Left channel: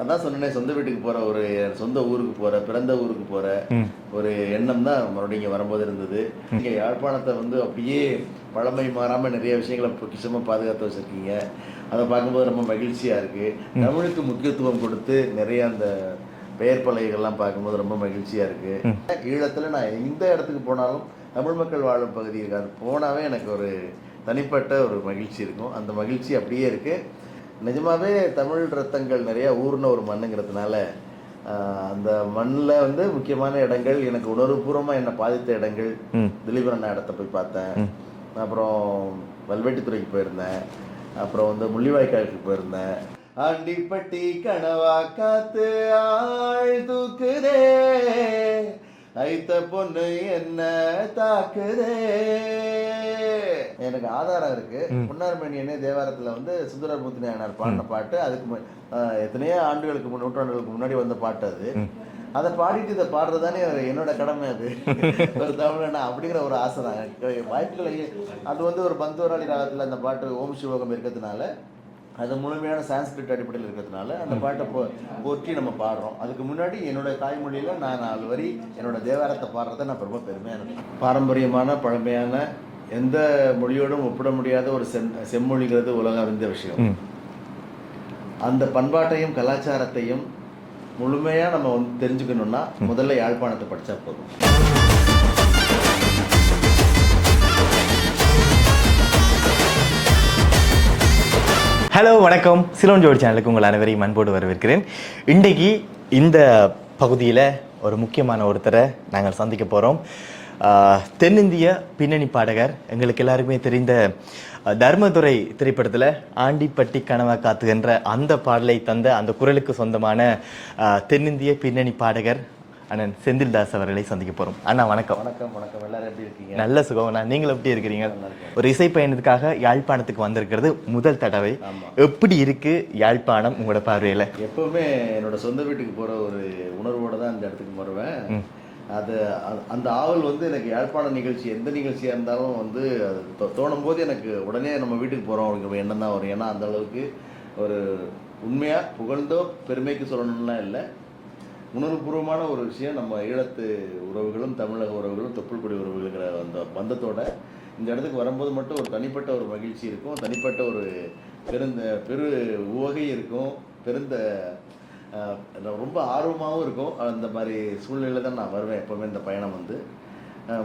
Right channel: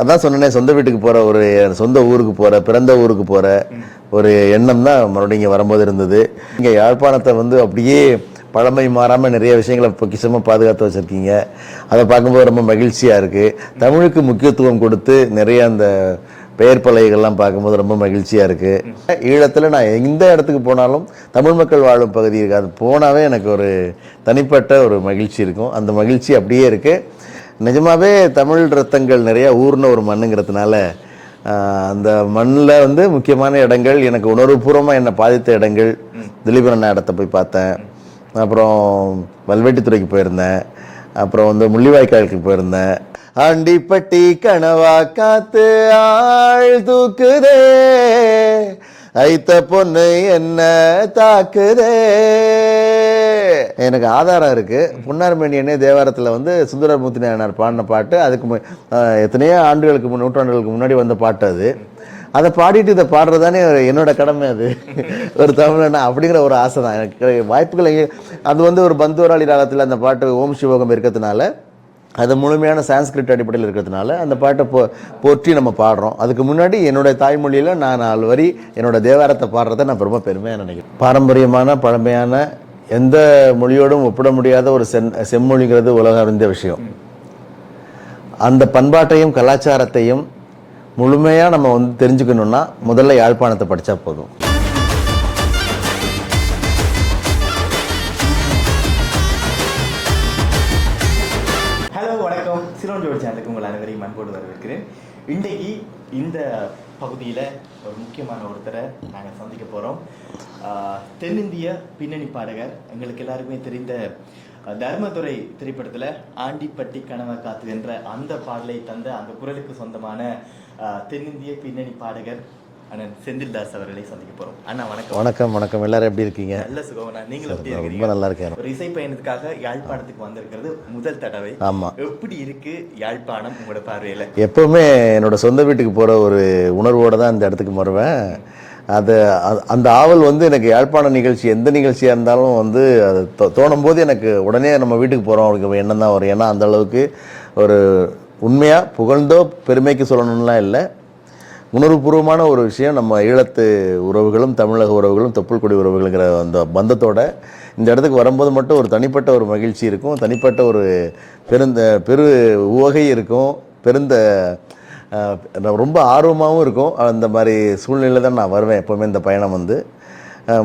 அதான் சொன்னேனே, சொந்த வீட்டுக்கு போற ஒரு சொந்த ஊருக்கு போற, பிறந்த ஊருக்கு போற ஒரு எண்ணம் தான் மறுபடியும் இங்க வரும்போது இருந்தது. இங்க யாழ்ப்பாணத்தை வந்து அப்படியே பழமை மாறாம நிறைய விஷயங்களை பொக்கிஷமா பாதுகாத்து வச்சிருக்கீங்க. அதை பார்க்கும்போது ரொம்ப மகிழ்ச்சியா இருக்கு. தமிழுக்கு முக்கியத்துவம் கொடுத்து நிறைய அந்த பெயர் பலகைகள்லாம் பார்க்கும்போது ரொம்ப மகிழ்ச்சியா இருக்கு. ஈழத்துல நான் எந்த இடத்துக்கு போனாலும் தமிழ் மக்கள் வாழும் பகுதி இருக்கு, அது போனாவே எனக்கு ஒரு தனிப்பட்ட ஒரு மகிழ்ச்சி இருக்கும். அந்த மகிழ்ச்சி அப்படியே இருக்கு. நிஜமாவே தமிழ் ரத்தங்கள் நிறைய ஊர்ன ஒரு மண்ணுங்கிறதுனால அந்த மண்ணில் வந்து முக்கியமான இடங்கள், எனக்கு உணர்வுபூர்வமாக என்னை பாதித்த இடங்கள், திலீபன் இடத்த போய் பார்த்தேன், அப்புறம் வல்வெட்டித்துறைக்கு போயிருந்தேன், அப்புறம் வந்து முள்ளிவாய்க்காலுக்கு போயிருந்தேன். ஆண்டிப்பட்டி கனவா காத்து ஆள் தூக்குதே, ஐத்த பொண்ணு என்ன தாக்குதே. எனக்கு ஆதாரம் இருக்கு. புன்னார்மணியனே தேவாரத்தில் வந்து சுந்தரமூர்த்தி நாயனார் பாடின பாட்டு. அதுக்கு எத்தனையோ ஆண்டுகளுக்கு நூற்றாண்டுகளுக்கு முன்னாடி வந்த பாட்டு அது. அதை பாடிட்டு இதை பாடுறதானே என்னோட கடமை. அது ஒரு தமிழனா அப்படிங்கிற ஒரு ஆசை தான் எனக்கு. வாய்ப்புகள் அது வந்து ஒரு பந்துவராளி ராகத்தில் அந்த பாட்டு ஓம் சிவோகம் இருக்கிறதுனால, அது முழுமையான சான்ஸ்கிரிட் அடிப்படையில் இருக்கிறதுனால அந்த பாட்டை போற்றி நம்ம பாடுறோம். அதுக்கு முன்னாடி என்னுடைய தாய்மொழியில் நான் 4 வரி என்னோட தேவாரத்தை பாடுறதை நான் ரொம்ப பெருமையாக நினைக்கிறேன். பாரம்பரியமான பழமையான எந்த மொழியோடும் ஒப்பிட முடியாத ஒரு செம்மொழிங்கிறது உலக அறிந்த விஷயம். அந்த பண்பாட்டையும் கலாச்சாரத்தையும் முழுமையாக நம்ம வந்து தெரிஞ்சுக்கணும்னா முதல்ல யாழ்ப்பாணத்தை படித்தா போதும். ஹலோ, வணக்கம். சிலோன் ஜோடி சேனலுக்கு உங்கள் அனைவரையும் அன்போடு வரவேற்கிறேன். இன்றைக்கு இந்த பகுதியில் ஒரு முக்கியமான ஒருத்தரை நாங்கள் சந்திக்க போகிறோம். தென்னிந்திய பின்னணி பாடகர், எங்களுக்கு எல்லாருக்குமே தெரிந்த தர்மதுரை திரைப்படத்தில் ஆண்டிப்பட்டி கனவா காத்துகின்ற அந்த பாடலை தந்த அந்த குரலுக்கு சொந்தமான தென்னிந்திய பின்னணி பாடகர் அண்ணன் செந்தில்தாஸ் அவர்களை சந்திக்க போறோம். அண்ணா வணக்கம். வணக்கம். வணக்கம். எல்லாரும் எப்படி இருக்கீங்க? நல்ல சுகம்ண்ணா. நீங்களும் எப்படி இருக்கிறீங்க? நல்லா இருக்கேன். ஒரு இசை பயணத்துக்காக யாழ்ப்பாணத்துக்கு வந்திருக்கிறது முதல் தடவை. ஆமா. எப்படி இருக்கு யாழ்ப்பாணம் உங்களோட பார்வையில? எப்பவுமே என்னோட சொந்த வீட்டுக்கு போற ஒரு உணர்வோட தான் இந்த இடத்துக்கு வருவேன். அந்த ஆவல் வந்து எனக்கு யாழ்ப்பாண நிகழ்ச்சி, எந்த நிகழ்ச்சியா இருந்தாலும் வந்து அது தோணும் போது எனக்கு உடனே நம்ம வீட்டுக்கு போறோம் அவருக்கு எண்ணம் தான் வரும். ஏன்னா அந்த அளவுக்கு ஒரு உண்மையா புகழ்ந்தோ பெருமைக்கு சொல்லணும்லாம் இல்லை, உணர்வுபூர்வமான ஒரு விஷயம். நம்ம ஈழத்து உறவுகளும் தமிழக உறவுகளும் தொப்புள்கொடி உறவுகளுங்கிற அந்த பந்தத்தோட இந்த இடத்துக்கு வரும்போது மட்டும் ஒரு தனிப்பட்ட ஒரு மகிழ்ச்சி இருக்கும், தனிப்பட்ட ஒரு பெரு உவகை இருக்கும், ரொம்ப ஆர்வமாகவும் இருக்கும். அந்த மாதிரி சூழ்நிலையில் தான் நான் வருவேன் எப்போவுமே. இந்த பயணம் வந்து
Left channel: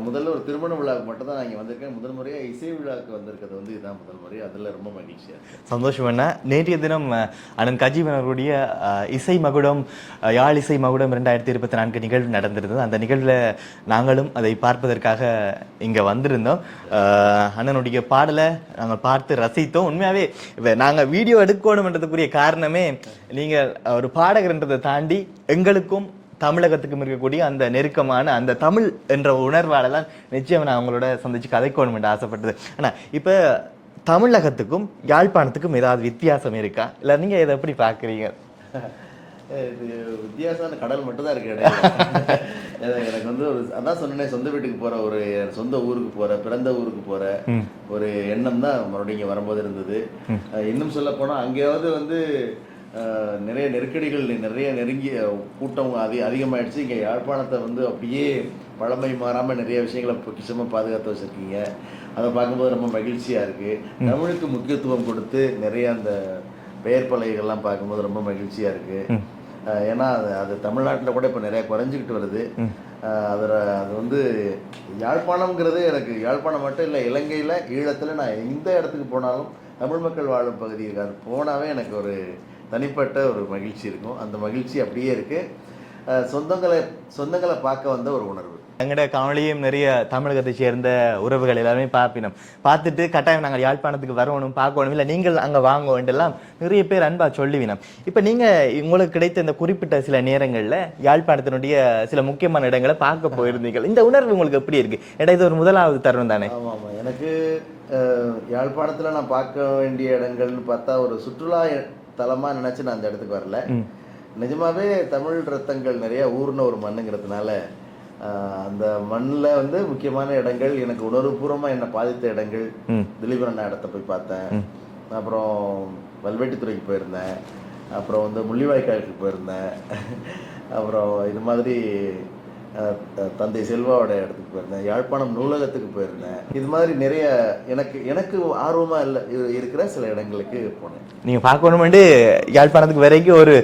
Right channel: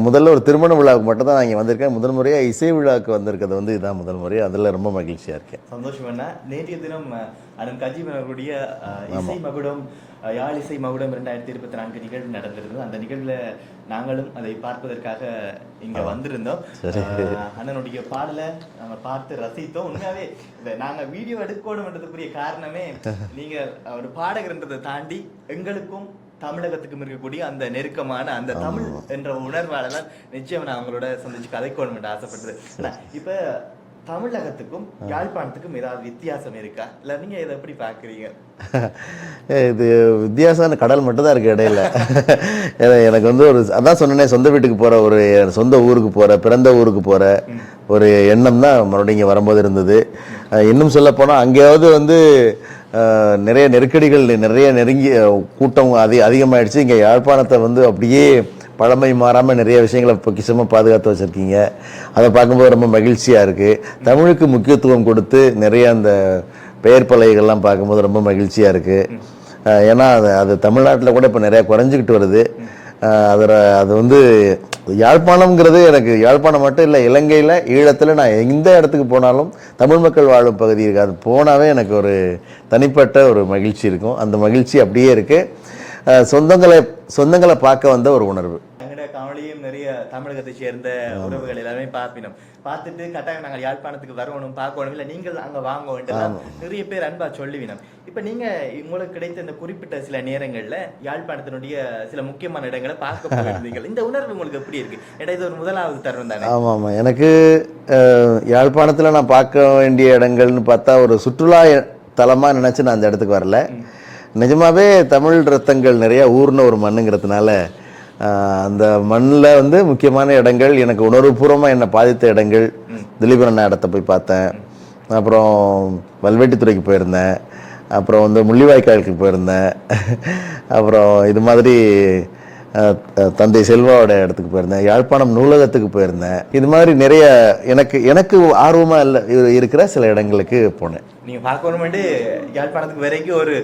முதல்ல ஒரு திருமண விழாவுக்கு மட்டும் தான் நான் இங்கே வந்திருக்கேன். முதல் முறையாக இசை விழாவுக்கு வந்திருக்கிறது வந்து இதுதான் முதல் முறை. அதில் ரொம்ப மகிழ்ச்சியாக இருக்கேன். சந்தோஷம். என்ன, நேற்றைய தினம் அண்ணன் கஜீவன் அவர்களுடைய இசை மகுடம், யாழ் இசை மகுடம் 2024 நிகழ்வு நடந்திருந்தது. அந்த நிகழ்வில் நாங்களும் அதை பார்ப்பதற்காக இங்கே வந்திருந்தோம். அண்ணனுடைய பாடலை நாங்கள் பார்த்து ரசித்தோம். உண்மையாகவே நாங்கள் வீடியோ எடுக்கணும்ன்றதுக்குரிய காரணமே, நீங்கள் ஒரு பாடகர்ன்றதை தாண்டி எங்களுக்கும் தமிழகத்துக்கும் இருக்கக்கூடிய அந்த நெருக்கமான அந்த தமிழ் என்ற உணர்வாலெல்லாம் நிச்சயம் நான் அவங்களோட சந்திச்சு கதைக்கணும் என்று ஆசைப்பட்டது. ஆனா இப்ப தமிழகத்துக்கும் யாழ்ப்பாணத்துக்கும் ஏதாவது வித்தியாசம் இருக்கா, இல்லை நீங்க இதை எப்படி பாக்குறீங்க? இது வித்தியாசமான கடல் மட்டும்தான் இருக்கு இடையில. எனக்கு வந்து அதான் சொன்னேனே, சொந்த வீட்டுக்கு போற ஒரு சொந்த ஊருக்கு போற, பிறந்த ஊருக்கு போற ஒரு எண்ணம் தான் மறுபடியும் இங்க வரும்போது இருந்தது. இன்னும் சொல்ல போனா அங்கேயாவது வந்து நிறைய நெருக்கடிகள், நிறைய நெருங்கிய கூட்டம் அதிகமாயிடுச்சு. இங்கே யாழ்ப்பாணத்தை வந்து அப்படியே பழமை மாறாமல் நிறைய விஷயங்களை பொக்கிஷமாக பாதுகாத்து வச்சுருக்கீங்க. அதை பார்க்கும்போது ரொம்ப மகிழ்ச்சியாக இருக்குது. தமிழுக்கு முக்கியத்துவம் கொடுத்து நிறைய அந்த பெயர் பலகைகள்லாம் பார்க்கும்போது ரொம்ப மகிழ்ச்சியாக இருக்குது. ஏன்னா அது தமிழ்நாட்டில் கூட இப்போ நிறையா குறைஞ்சிக்கிட்டு வருது. அது வந்து யாழ்ப்பாணம்ங்கிறது எனக்கு யாழ்ப்பாணம் மட்டும் இல்லை, இலங்கையில் ஈழத்தில் நான் எந்த இடத்துக்கு போனாலும் தமிழ் மக்கள் வாழும் பகுதி இருக்குது, அது போனாவே எனக்கு ஒரு தனிப்பட்ட ஒரு மகிழ்ச்சி இருக்கும். அந்த மகிழ்ச்சி அப்படியே இருக்குது. சொந்தங்களை பார்க்க வந்த ஒரு உணர்வு. எங்கட காணொலியும் நிறைய தமிழகத்தை சேர்ந்த உறவுகள் எல்லாருமே பார்ப்பினோம். பார்த்துட்டு கட்டாயம் நாங்கள் யாழ்ப்பாணத்துக்கு வரணும், பார்க்கணும், இல்லை நீங்கள் அங்கே வாங்க வேண்டெல்லாம் நிறைய பேர் அன்பா சொல்லுவினோம். இப்போ நீங்கள் உங்களுக்கு கிடைத்த இந்த குறிப்பிட்ட சில நேரங்களில் யாழ்ப்பாணத்தினுடைய சில முக்கியமான இடங்களை பார்க்க போயிருந்தீங்க. இந்த உணர்வு உங்களுக்கு எப்படி இருக்கு? ஏன்னா இது ஒரு முதலாவது தருணம் தானே? ஆமாம் ஆமாம். எனக்கு யாழ்ப்பாணத்தில் நான் பார்க்க வேண்டிய இடங்கள்னு பார்த்தா ஒரு சுற்றுலா தலமாக நினச்சி நான் அந்த இடத்துக்கு வரல. நிஜமாவே தமிழ் ரத்தங்கள் நிறைய ஊர்ன ஒரு மண்ணுங்கிறதுனால அந்த மண்ணில் வந்து முக்கியமான இடங்கள், எனக்கு உணர்வுபூர்வமாக என்னை பாதித்த இடங்கள், திலீபன் இடத்த போய் பார்த்தேன், அப்புறம் வல்வெட்டித்துறைக்கு போயிருந்தேன், அப்புறம் வந்து முள்ளிவாய்க்காலுக்கு போயிருந்தேன். அப்புறம் இது மாதிரி தந்தை செல்வாவோட இடத்துக்கு போயிருந்தேன். யாழ்ப்பாணம் நூலகத்துக்கு போயிருந்தேன். இது மாதிரி நிறைய எனக்கு ஆர்வமா இருக்கிற சில இடங்களுக்கு போனேன். நீங்க பார்க்கணும்னு யாழ்ப்பாணத்துக்கு வரைக்கும் ஒரு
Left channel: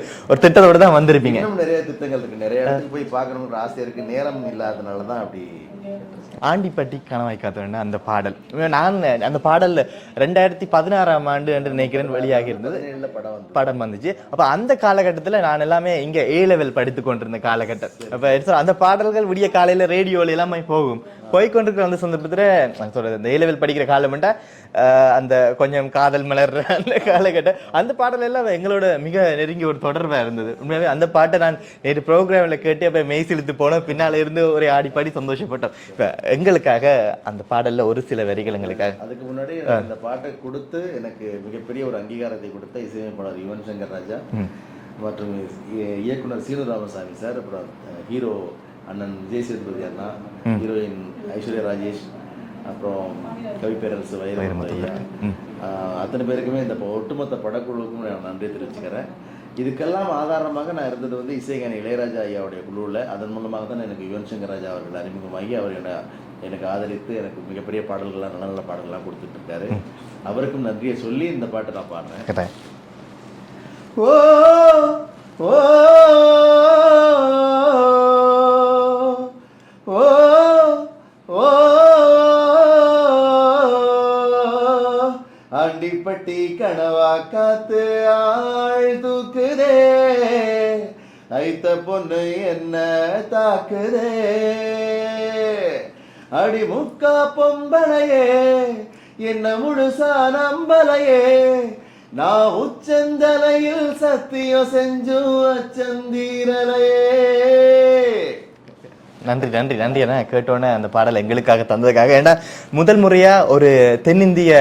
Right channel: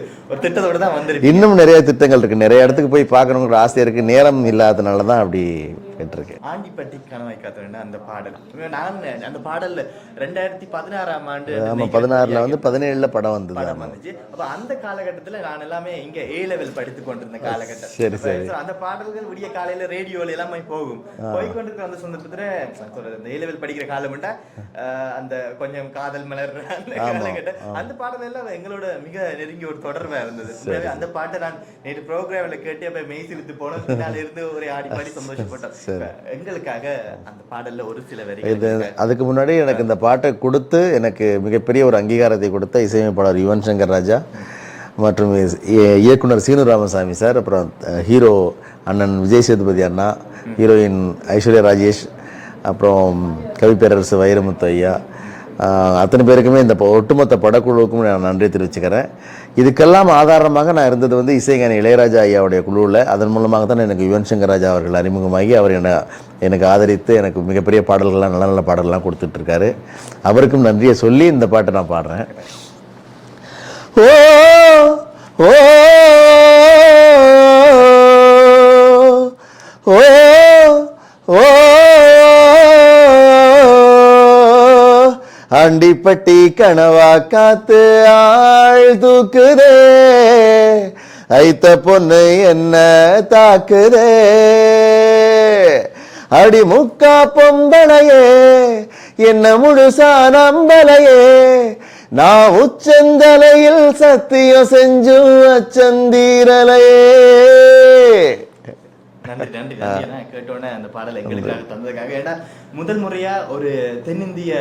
திட்டத்தோட தான் வந்திருக்கு. இன்னும் நிறைய திட்டங்கள் இருக்கு. நிறைய இடத்துக்கு போய் பார்க்கணுங்கிற ஆசை இருக்கு. நேரம் இல்லாதனால தான் அப்படி கேட்டிருக்கேன். ஆண்டிப்பட்டி கணவாய் காத்தவன் அந்த பாடல், நான் அந்த பாடல்ல 2016ஆம் ஆண்டு 16ல வந்து 17ல படம் வந்துச்சு. அப்ப அந்த காலகட்டத்துல நான் எல்லாமே இங்க A லெவல் படித்து கொண்டிருந்த காலகட்டம். அந்த பாடல்கள் விடிய காலையில ரேடியோல எல்லாமே போய்கொண்டிருக்கிற அந்த சந்தர்ப்பத்துல நான் சொல்றது இந்த A லெவல் படிக்கிற காலம்டா அந்த கொஞ்சம் காதல் மலர் அந்த காலகட்டம், அந்த பாடல் எல்லாம் எங்களோட மிக நெருங்கி ஒரு தொடர்பா இருந்தது. உண்மையாவே அந்த பாட்டை நான் நேற்று ப்ரோக்ராம்ல கேட்டு அப்ப மெய் சிலுத்து போனோம். பின்னால இருந்து ஒரு ஆடி பாடி சந்தோஷப்பட்டோம். எங்களுக்காக அந்த பாடல்ல ஒரு சில வரிகள். அதுக்கு முன்னாடி எனக்கு இந்த பாட்டை கொடுத்து எனக்கு மிகப்பெரிய ஒரு அங்கீகாரத்தை கொடுத்த இசையமைப்பாளர் யுவன் சங்கர் ராஜா மற்றும் இயக்குனர் சீனு ராமசாமி சார், அப்புறம் ஹீரோ அண்ணன் விஜய் சேதுபதி அண்ணா, ஹீரோயின் ஐஸ்வர்யா ராஜேஷ், அப்புறம் கவிப்பேரரசு வைரமுத்து ஐயா, அத்தனை பேருக்குமே இந்த ஒட்டுமொத்த படக்குழுவுக்கும் நான் நன்றி தெரிவிச்சுக்கிறேன். இதுக்கெல்லாம் ஆதாரமாக நான் இருந்தது வந்து இசைஞானி இளையராஜா ஐயாவுடைய குழுவில். அதன் மூலமாக தான் எனக்கு யுவன் சங்கர் ராஜா அவர்கள் அறிமுகமாகி அவர் எனக்கு ஆதரித்து எனக்கு மிகப்பெரிய பாடல்கள்லாம் நல்ல நல்ல பாடல்கள்லாம் கொடுத்துட்ருக்காரு. அவருக்கும் நன்றியை சொல்லி இந்த பாட்டை நான் பாடுறேன். ஓ ஓ ஓ ஓ ஆண்டிப்பட்டி கனவா காத்து ஆள் தூக்குதே, ஐத்த பொண்ணு என்ன தாக்குதே, அடி முக்கா பொம்பளையே என்ன முழுசா நம்பலையே, நான் உச்சந்தலையில் சத்தியம் செஞ்சும் அச்சந்தீரலையே. நன்றி நன்றி நன்றி அண்ணா. கேட்டோன்னே அந்த பாடல் எங்களுக்காக தந்ததுக்காக. ஏன்னா முதல் முறையா ஒரு தென்னிந்திய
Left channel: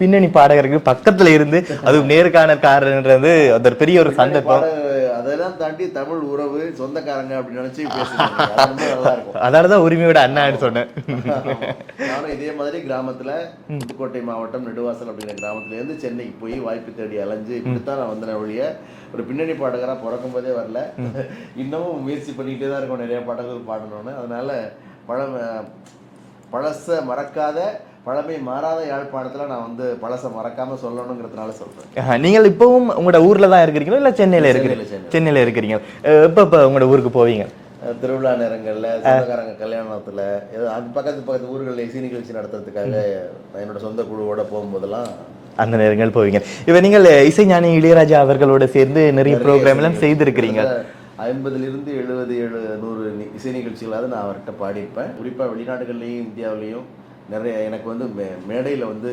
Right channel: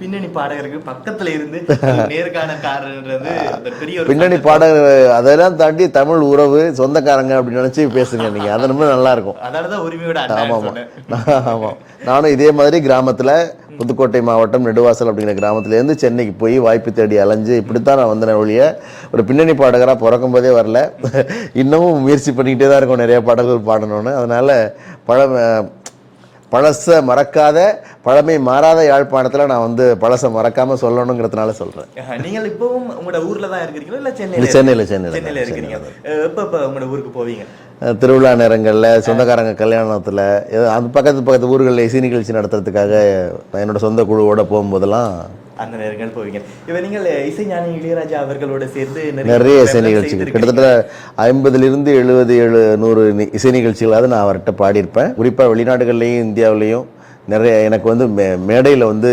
பின்னணி பாடகருக்கு பக்கத்துல இருந்து அது நேர்காணல்காரன்றது ஒரு பெரிய ஒரு பின்னணி பாடகர், அதெல்லாம் தாண்டி தமிழ் உறவு சொந்தக்காரங்க அப்படின்னு நினைச்சு பேசுங்க நீங்க. அது ரொம்ப நல்லா இருக்கும். அதனாலதான் உரிமையோட அண்ணா சொன்னேன். நானும் இதே மாதிரி கிராமத்துல புதுக்கோட்டை மாவட்டம் நெடுவாசல் அப்படிங்கிற கிராமத்துல இருந்து சென்னைக்கு போய் வாய்ப்பு தேடி அலைஞ்சு இப்படித்தான் நான் வந்தேன் ஒழிய ஒரு பின்னணி பாடகரா பிறக்கும் போதே வரல. இன்னமும் முயற்சி பண்ணிக்கிட்டே தான் இருக்கும் நிறைய பாடல்கள் பாடணும்னு. அதனால பழச மறக்காத பழமை மாறாத யாழ்ப்பாணத்துல நான் வந்து பழச மறக்காம சொல்லணுங்கிறதுனால சொல்றேன். நீங்கள் இப்பவும் உங்களோட ஊர்ல தான் இருக்கிறீங்களா இல்ல சென்னையில இருக்கிறீங்க? எப்ப உங்களோட ஊருக்கு போவீங்க? திருவிழா நேரங்கள்ல, சொந்தக்காரங்க கல்யாணத்துல, அந்த பக்கத்து ஊர்களில் இசை நிகழ்ச்சி நடத்துறதுக்காக என்னோட சொந்த குழுவோட போகும்போதெல்லாம் அந்த நேரங்கள் போவீங்க. இப்ப நீங்கள் இசைஞானி இளையராஜா அவர்களோட சேர்ந்து நிறைய கிட்டத்தட்ட 50லிருந்து 77 100 இசை நிகழ்ச்சிகளாவது நான் அவர்கிட்ட பாடியிருப்பேன். குறிப்பா வெளிநாடுகள்லையும் இந்தியாவிலையும் நிறைய எனக்கு வந்து மேடையில் வந்து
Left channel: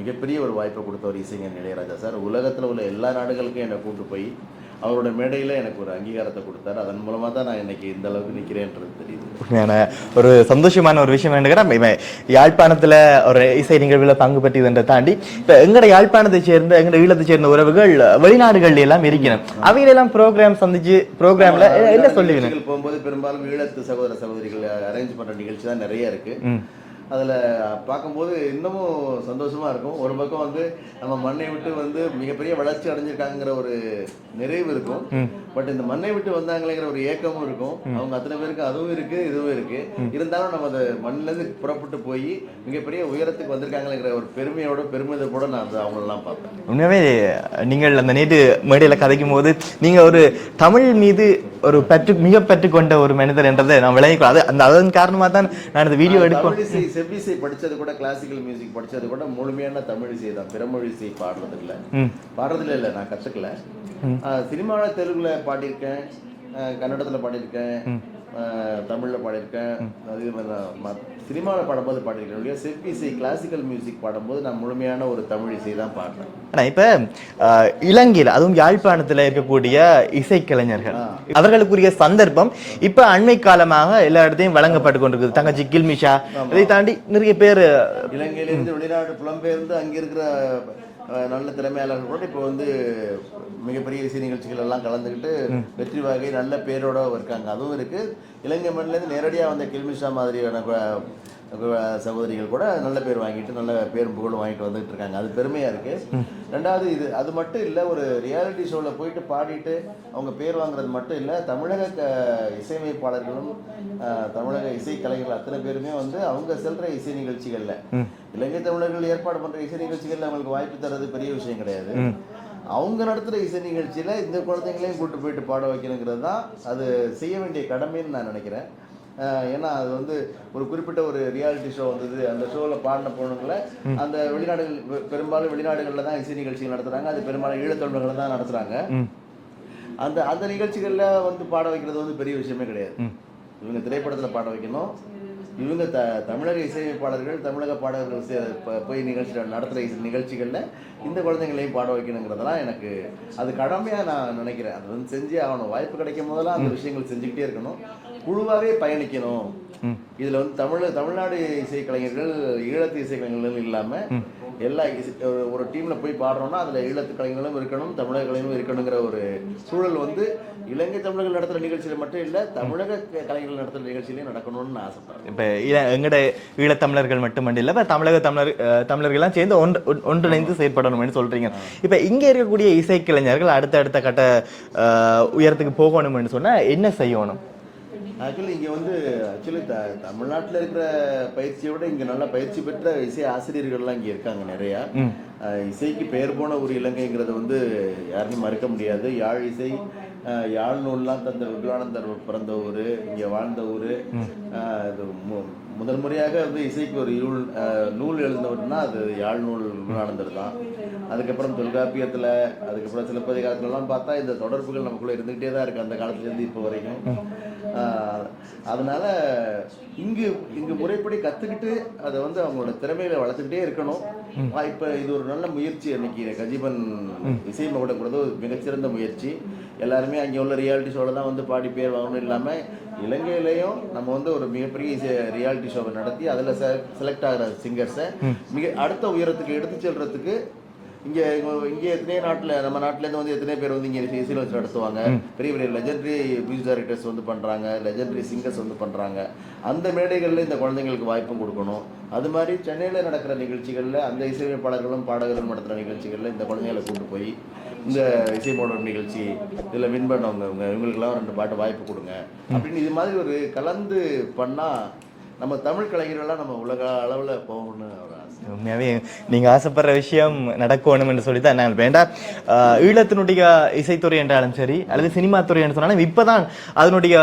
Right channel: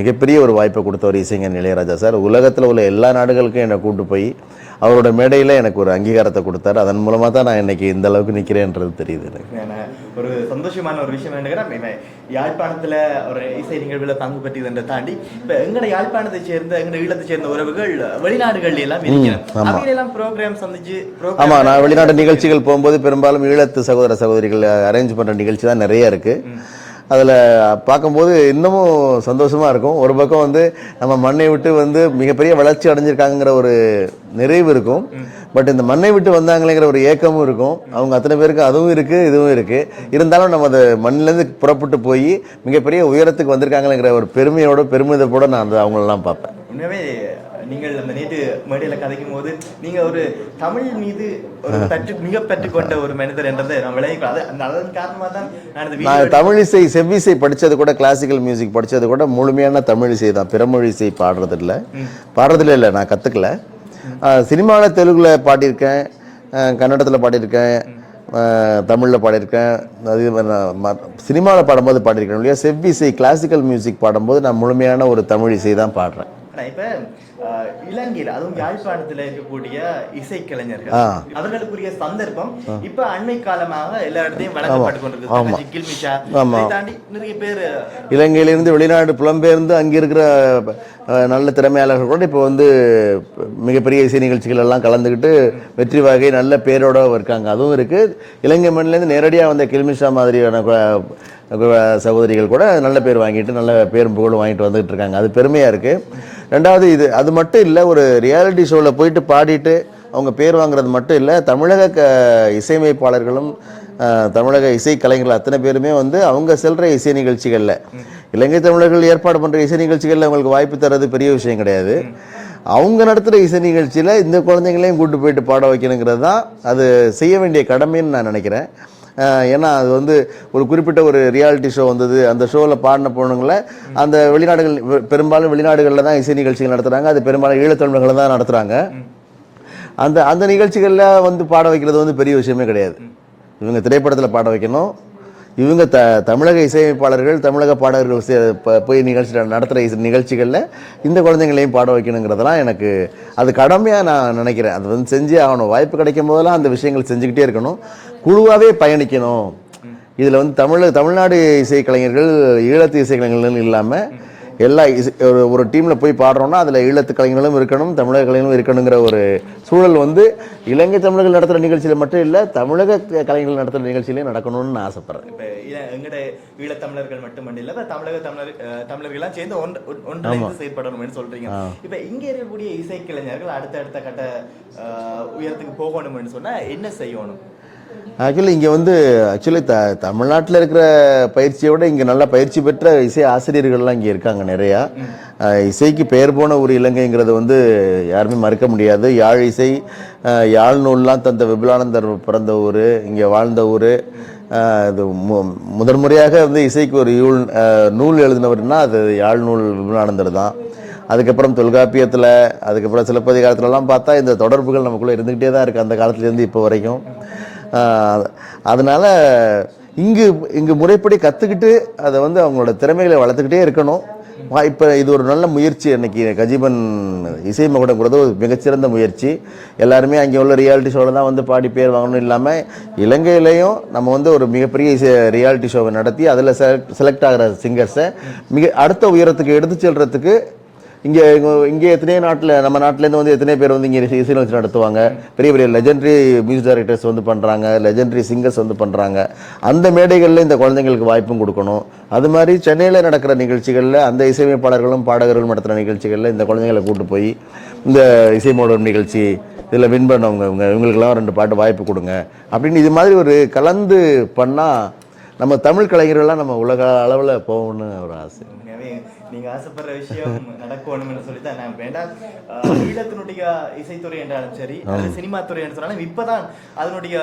மிகப்பெரிய ஒரு வாய்ப்பை கொடுத்தவர் இசைஞானி இளையராஜா சார். உலகத்தில் உள்ள எல்லா நாடுகளுக்கும் என்னை கூட்டு போய் அவரோட மேடையில் எனக்கு ஒரு அங்கீகாரத்தை கொடுத்தாரு. அதன் மூலமாக தான் நான் இன்னைக்கு இந்த அளவுக்கு நிற்கிறேன்றது தெரியுது. ஒரு சந்தோஷமான ஒரு விஷயம் என்னன்னா, யாழ்ப்பாணத்தில் ஒரு இசை நிகழ்வில் பங்கு பெற்றதை தாண்டி இப்போ எங்களோட யாழ்ப்பாணத்தை சேர்ந்த எங்களோட ஈழத்தை சேர்ந்த உறவுகள் வெளிநாடுகள் எல்லாம் இருக்கணும். அவைகளெல்லாம் ப்ரோக்ராம் சந்திச்சு நான் வெளிநாட்டு நிகழ்ச்சிகள் போகும்போது பெரும்பாலும் ஈழத்து சகோதர சகோதரிகள் அரேஞ்ச் பண்ணுற நிகழ்ச்சி தான் நிறைய இருக்கு. அதில் பார்க்கும்போது இன்னமும் சந்தோஷமாக இருக்கும். ஒரு பக்கம் வந்து நம்ம மண்ணை விட்டு வந்து மிகப்பெரிய வளர்ச்சி அடைஞ்சிருக்காங்கிற ஒரு நிறைவு இருக்கும். பட் இந்த மண்ணை விட்டு வந்தாங்களேங்கிற ஒரு ஏக்கமும் இருக்கும். அவங்க அத்தனை பேருக்கு அதுவும் இருக்குது, இதுவும் இருக்குது. இருந்தாலும் நம்ம அந்த மண்ணிலேருந்து புறப்பட்டு போய் மிகப்பெரிய உயரத்துக்கு வந்திருக்காங்களேங்கிற ஒரு பெருமையோட பெருமிதத்தோட நான் அந்த அவங்களெல்லாம் பார்ப்பேன். உண்மையாகவே நீங்கள் அந்த நேற்று மேடையில் கதைக்கும் போது நீங்கள் ஒரு தமிழ் மீது ஒரு மிக பற்று கொண்ட ஒரு மனிதர் என்றதை நான் விளைவிக்கலாம். அதன் காரணமாக தான் நான் இந்த வீடியோ தமிழ் இசை செவ்விசை படிச்சது கூட, கிளாசிக்கல் மியூசிக் படிச்சது கூட முழுமையான தமிழ் இசை தான். பிறமொழி இசை பாடுறதில்ல இல்லை, நான் கத்துக்கல. சினிமாவில் தெலுங்குல பாடியிருக்கேன், கன்னடத்தில் பாடியிருக்கேன், தமிழில் பாடியிருக்கேன். அது சினிமாவில் பாடும்போது பாடியிருக்கேன் இல்லையா. செவ்விசை கிளாசிக்கல் மியூசிக் பாடும்போது நான் முழுமையான ஒரு தமிழ் இசை தான் பாடுறேன். இப்ப இலங்கையில் அதுவும் யாழ்ப்பாணத்துல இருக்கக்கூடிய இசைக்கலைஞர்கள் அவர்களுக்குரிய சந்தர்ப்பம் இப்ப அண்மை காலமாக எல்லா இடத்தையும் வழங்கப்பட்டு கொண்டிருக்கு. தங்கச்சி கில்மிஷா, இதை தாண்டி நிறைய பேர் இலங்கையிலிருந்து வெளிநாடு புலம்பெயர்ந்து அங்க இருக்கிற நல்ல திறமையாளர்கள் கூட இப்போ வந்து மிகப்பெரிய இசை நிகழ்ச்சிகள் எல்லாம் கலந்துக்கிட்டு வெற்றி வகை நல்ல பேரோட இருக்காங்க. அதுவும் இருக்கு. இலங்கை மண்ணிலேருந்து நேரடியாக வந்த கில்மிஷா மாதிரியான சகோதரிகள் கூட நல்ல பேர் வாங்கிட்டு நல்ல பேரும் புகழும் வாங்கிட்டு வந்துட்டு இருக்காங்க. அது பெருமையாக இருக்குது. ரெண்டாவது அது மட்டும் இல்லை, ஒரு ரியாலிட்டி ஷோவில் போயிட்டு பாடிட்டு அவங்க பேர் வாங்குறது மட்டும் இல்லை, தமிழக இசையமைப்பாளர்களும் தமிழக இசை கலைஞர்கள் அத்தனை பேருமே வந்து அவங்க செல்ற இசை நிகழ்ச்சிகளில், இலங்கை தமிழர்கள் ஏற்பாடு பண்ணுற இசை நிகழ்ச்சிகளில் அவங்களுக்கு வாய்ப்பு தர்றது பெரிய விஷயம் கிடையாது. அவங்க நடத்துகிற இசை நிகழ்ச்சியில் இந்த குழந்தைங்களையும் கூட்டு போயிட்டு பாட வைக்கணுங்கிறது தான் அது செய்ய வேண்டிய கடமைன்னு நான் நினைக்கிறேன். ஏன்னா அது வந்து ஒரு குறிப்பிட்ட ஒரு ரியாலிட்டி ஷோ வந்தது, அந்த ஷோவில் பாடின பொண்ணுங்களை அந்த பெரும்பாலும் வெளிநாடுகளில் தான் இசை நிகழ்ச்சிகள் நடத்துகிறாங்க. அது பெரும்பாலும் ஈழத்தமிழர்கள் தான் நடத்துகிறாங்க. அந்த நிகழ்ச்சிகளில் வந்து பாட வைக்கிறது வந்து பெரிய விஷயமே கிடையாது. இவங்க திரைப்படத்தில் பாட வைக்கணும். இவங்க தமிழக இசையமைப்பாளர்கள் தமிழக பாடகர்கள் போய் நடத்துகிற நிகழ்ச்சிகளில் இந்த குழந்தைங்களையும் பாட வைக்கணுங்கிறதெல்லாம் எனக்கு அது கடமையாக நான் நினைக்கிறேன். அது வந்து செஞ்சே ஆகணும். வாய்ப்பு கிடைக்கும் போதெல்லாம் அந்த விஷயங்கள் செஞ்சுக்கிட்டே இருக்கணும். குழுவாகவே பயணிக்கணும். இதில் வந்து தமிழ்நாடு இசைக்கலைஞர்கள் ஈழத்து இசைக்கலைஞர்கள் இல்லாமல் எல்லா ஒரு டீமில் போய் பாடுறோம்னா அதில் ஈழத்து கலைஞர்களும் இருக்கணும், தமிழக கலைஞர்களும் இருக்கணுங்கிற ஒரு சூழல் வந்து இலங்கை தமிழர்கள் நடத்துகிற நிகழ்ச்சியில் மட்டும் இல்லை, தமிழக கலைஞர்கள் நடத்துகிற நிகழ்ச்சியிலையும் நடக்கணும்னு நான் ஆசைப்படுறேன். இப்போ எங்கட ஈழத்தமிழர்கள் மட்டுமல்ல, இல்லை இப்போ தமிழர்கள்லாம் சேர்ந்து ஒன்றிணைந்து செயற்படணும்னு சொல்கிறீங்க. இப்போ இங்கே இருக்கக்கூடிய இசைக்கலைஞர்கள் அடுத்த கட்ட உயரத்துக்கு போகணும்னு சொன்னால் என்ன செய்யணும்? இங்கே வந்து தமிழ்நாட்டில் இருக்கிற பயிற்சியை விட இங்கே நல்லா பயிற்சி பெற்ற இசை ஆசிரியர்கள்லாம் இங்கே இருக்காங்க நிறையா. இசைக்கு பெயர் போன ஒரு இலங்கைங்கிறது வந்து யாருமே மறுக்க முடியாது. யாழ் இசை, யாழ் நூல்லாம் தந்த விபுலானந்தர் பிறந்த ஊர், இங்கே வாழ்ந்த ஊர். இது முதன்முறையாக வந்து இசைக்கு ஒரு நூல் எழுதினவர்னா அது யாழ் நூல் விபுலானந்தர் தான். அதுக்கப்புறம் தொல்காப்பியத்தில், அதுக்கப்புறம் சிலப்பதிகாரத்துலலாம் பார்த்தா இந்த தொடர்புகள் நமக்குள்ளே இருந்துக்கிட்டே தான் இருக்குது அந்த காலத்துலேருந்து இப்போ வரைக்கும். அதனால இங்கு முறைப்படி கற்றுக்கிட்டு அதை வந்து அவங்களோட திறமைகளை வளர்த்துக்கிட்டே இருக்கணும். இப்போ இது ஒரு நல்ல முயற்சி. அன்னைக்கு கஜீபன் இசை மகுடம்ங்கிறது ஒரு மிகச்சிறந்த முயற்சி. எல்லாருமே அங்கே உள்ள ரியாலிட்டி ஷோவில் தான் வந்து பாடி பேர் வாங்கணும் இல்லாமல் இலங்கையிலையும் நம்ம வந்து ஒரு மிகப்பெரிய ரியாலிட்டி ஷோவை நடத்தி அதில் செலக்ட் ஆகிற சிங்கர்ஸை அடுத்த உயரத்துக்கு எடுத்து செல்றதுக்கு இங்கே எத்தனையோ நம்ம நாட்டிலேருந்து வந்து எத்தனை பேர் வந்து இங்கே இசை நிகழ்ச்சி நடத்துவாங்க. பெரிய பெரிய லெஜெண்டரி மியூசிக் டைரக்டர்ஸ் வந்து பண்ணுறாங்க, லெஜெண்டரி சிங்கர்ஸ் வந்து பண்ணுறாங்க. அந்த மேடைகளில் இந்த குழந்தைங்களுக்கு வாய்ப்பும் கொடுக்கணும். அது மாதிரி சென்னையில் நடக்கிற நிகழ்ச்சிகளில் அந்த இசையமைப்பாளர்களும் பாடகர்களும் நடத்துகிற நிகழ்ச்சிகளில் இந்த குழந்தைங்களை கூட்டு போய் இந்த இசை மோடம் நிகழ்ச்சி இதில் வின் பண்ணவங்க இவங்களுக்கெல்லாம் 2 பாட்டு வாய்ப்பு கொடுங்க அப்படின்னு இது மாதிரி ஒரு கலந்து பண்ணால் நம்ம தமிழ் கலைஞர்கள்லாம் நம்ம உலக அளவில் போகணும்னு ஒரு ஆசை. உண்மையாகவே நீங்கள் ஆசைப்படுற விஷயம் நடக்கணும்னு சொல்லி தான் நான் வேண்டாம். ஈழத்தினுடைய இசைத்துறை என்றாலும் சரி அல்லது சினிமா துறை என்று சொன்னாலும் இப்போதான் அதனுடைய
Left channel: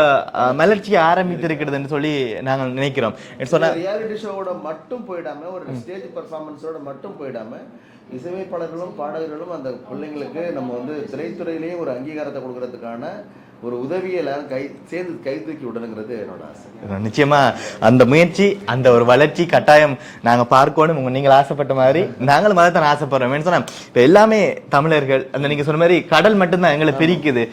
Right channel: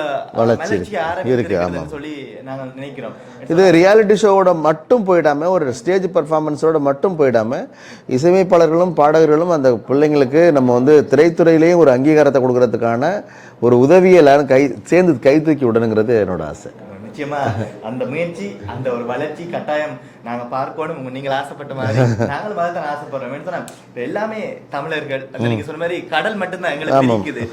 மலர்ச்சி ஆரம்பித்திருக்கிறதுன்னு சொல்லி நாங்கள் நினைக்கிறோம். இது ரியாலிட்டி ஷோவோட மட்டும் போயிடாம, ஒரு ஸ்டேஜ் பர்ஃபார்மன்ஸோட மட்டும் போயிடாம, இசையமைப்பாளர்களும் பாடகர்களும் அந்த பிள்ளைங்களுக்கு நம்ம வந்து திரைத்துறையிலேயும் ஒரு அங்கீகாரத்தை கொடுக்கறதுக்கான ஒரு உதவியை எல்லாரும் சேர்ந்து கை தூக்கி விடணுங்கிறது என்னோட ஆசை. நிச்சயமா அந்த முயற்சி, அந்த ஒரு வளர்ச்சி கட்டாயம் நாங்க பார்க்கணும். நீங்கள் ஆசைப்பட்ட மாதிரி நாங்களும் அதை தான் ஆசைப்படுறோம். சொன்னா இப்ப எல்லாமே தமிழர்கள், அந்த நீங்க சொன்ன மாதிரி கடல் மட்டும்தான் எங்களை பிரிக்குது,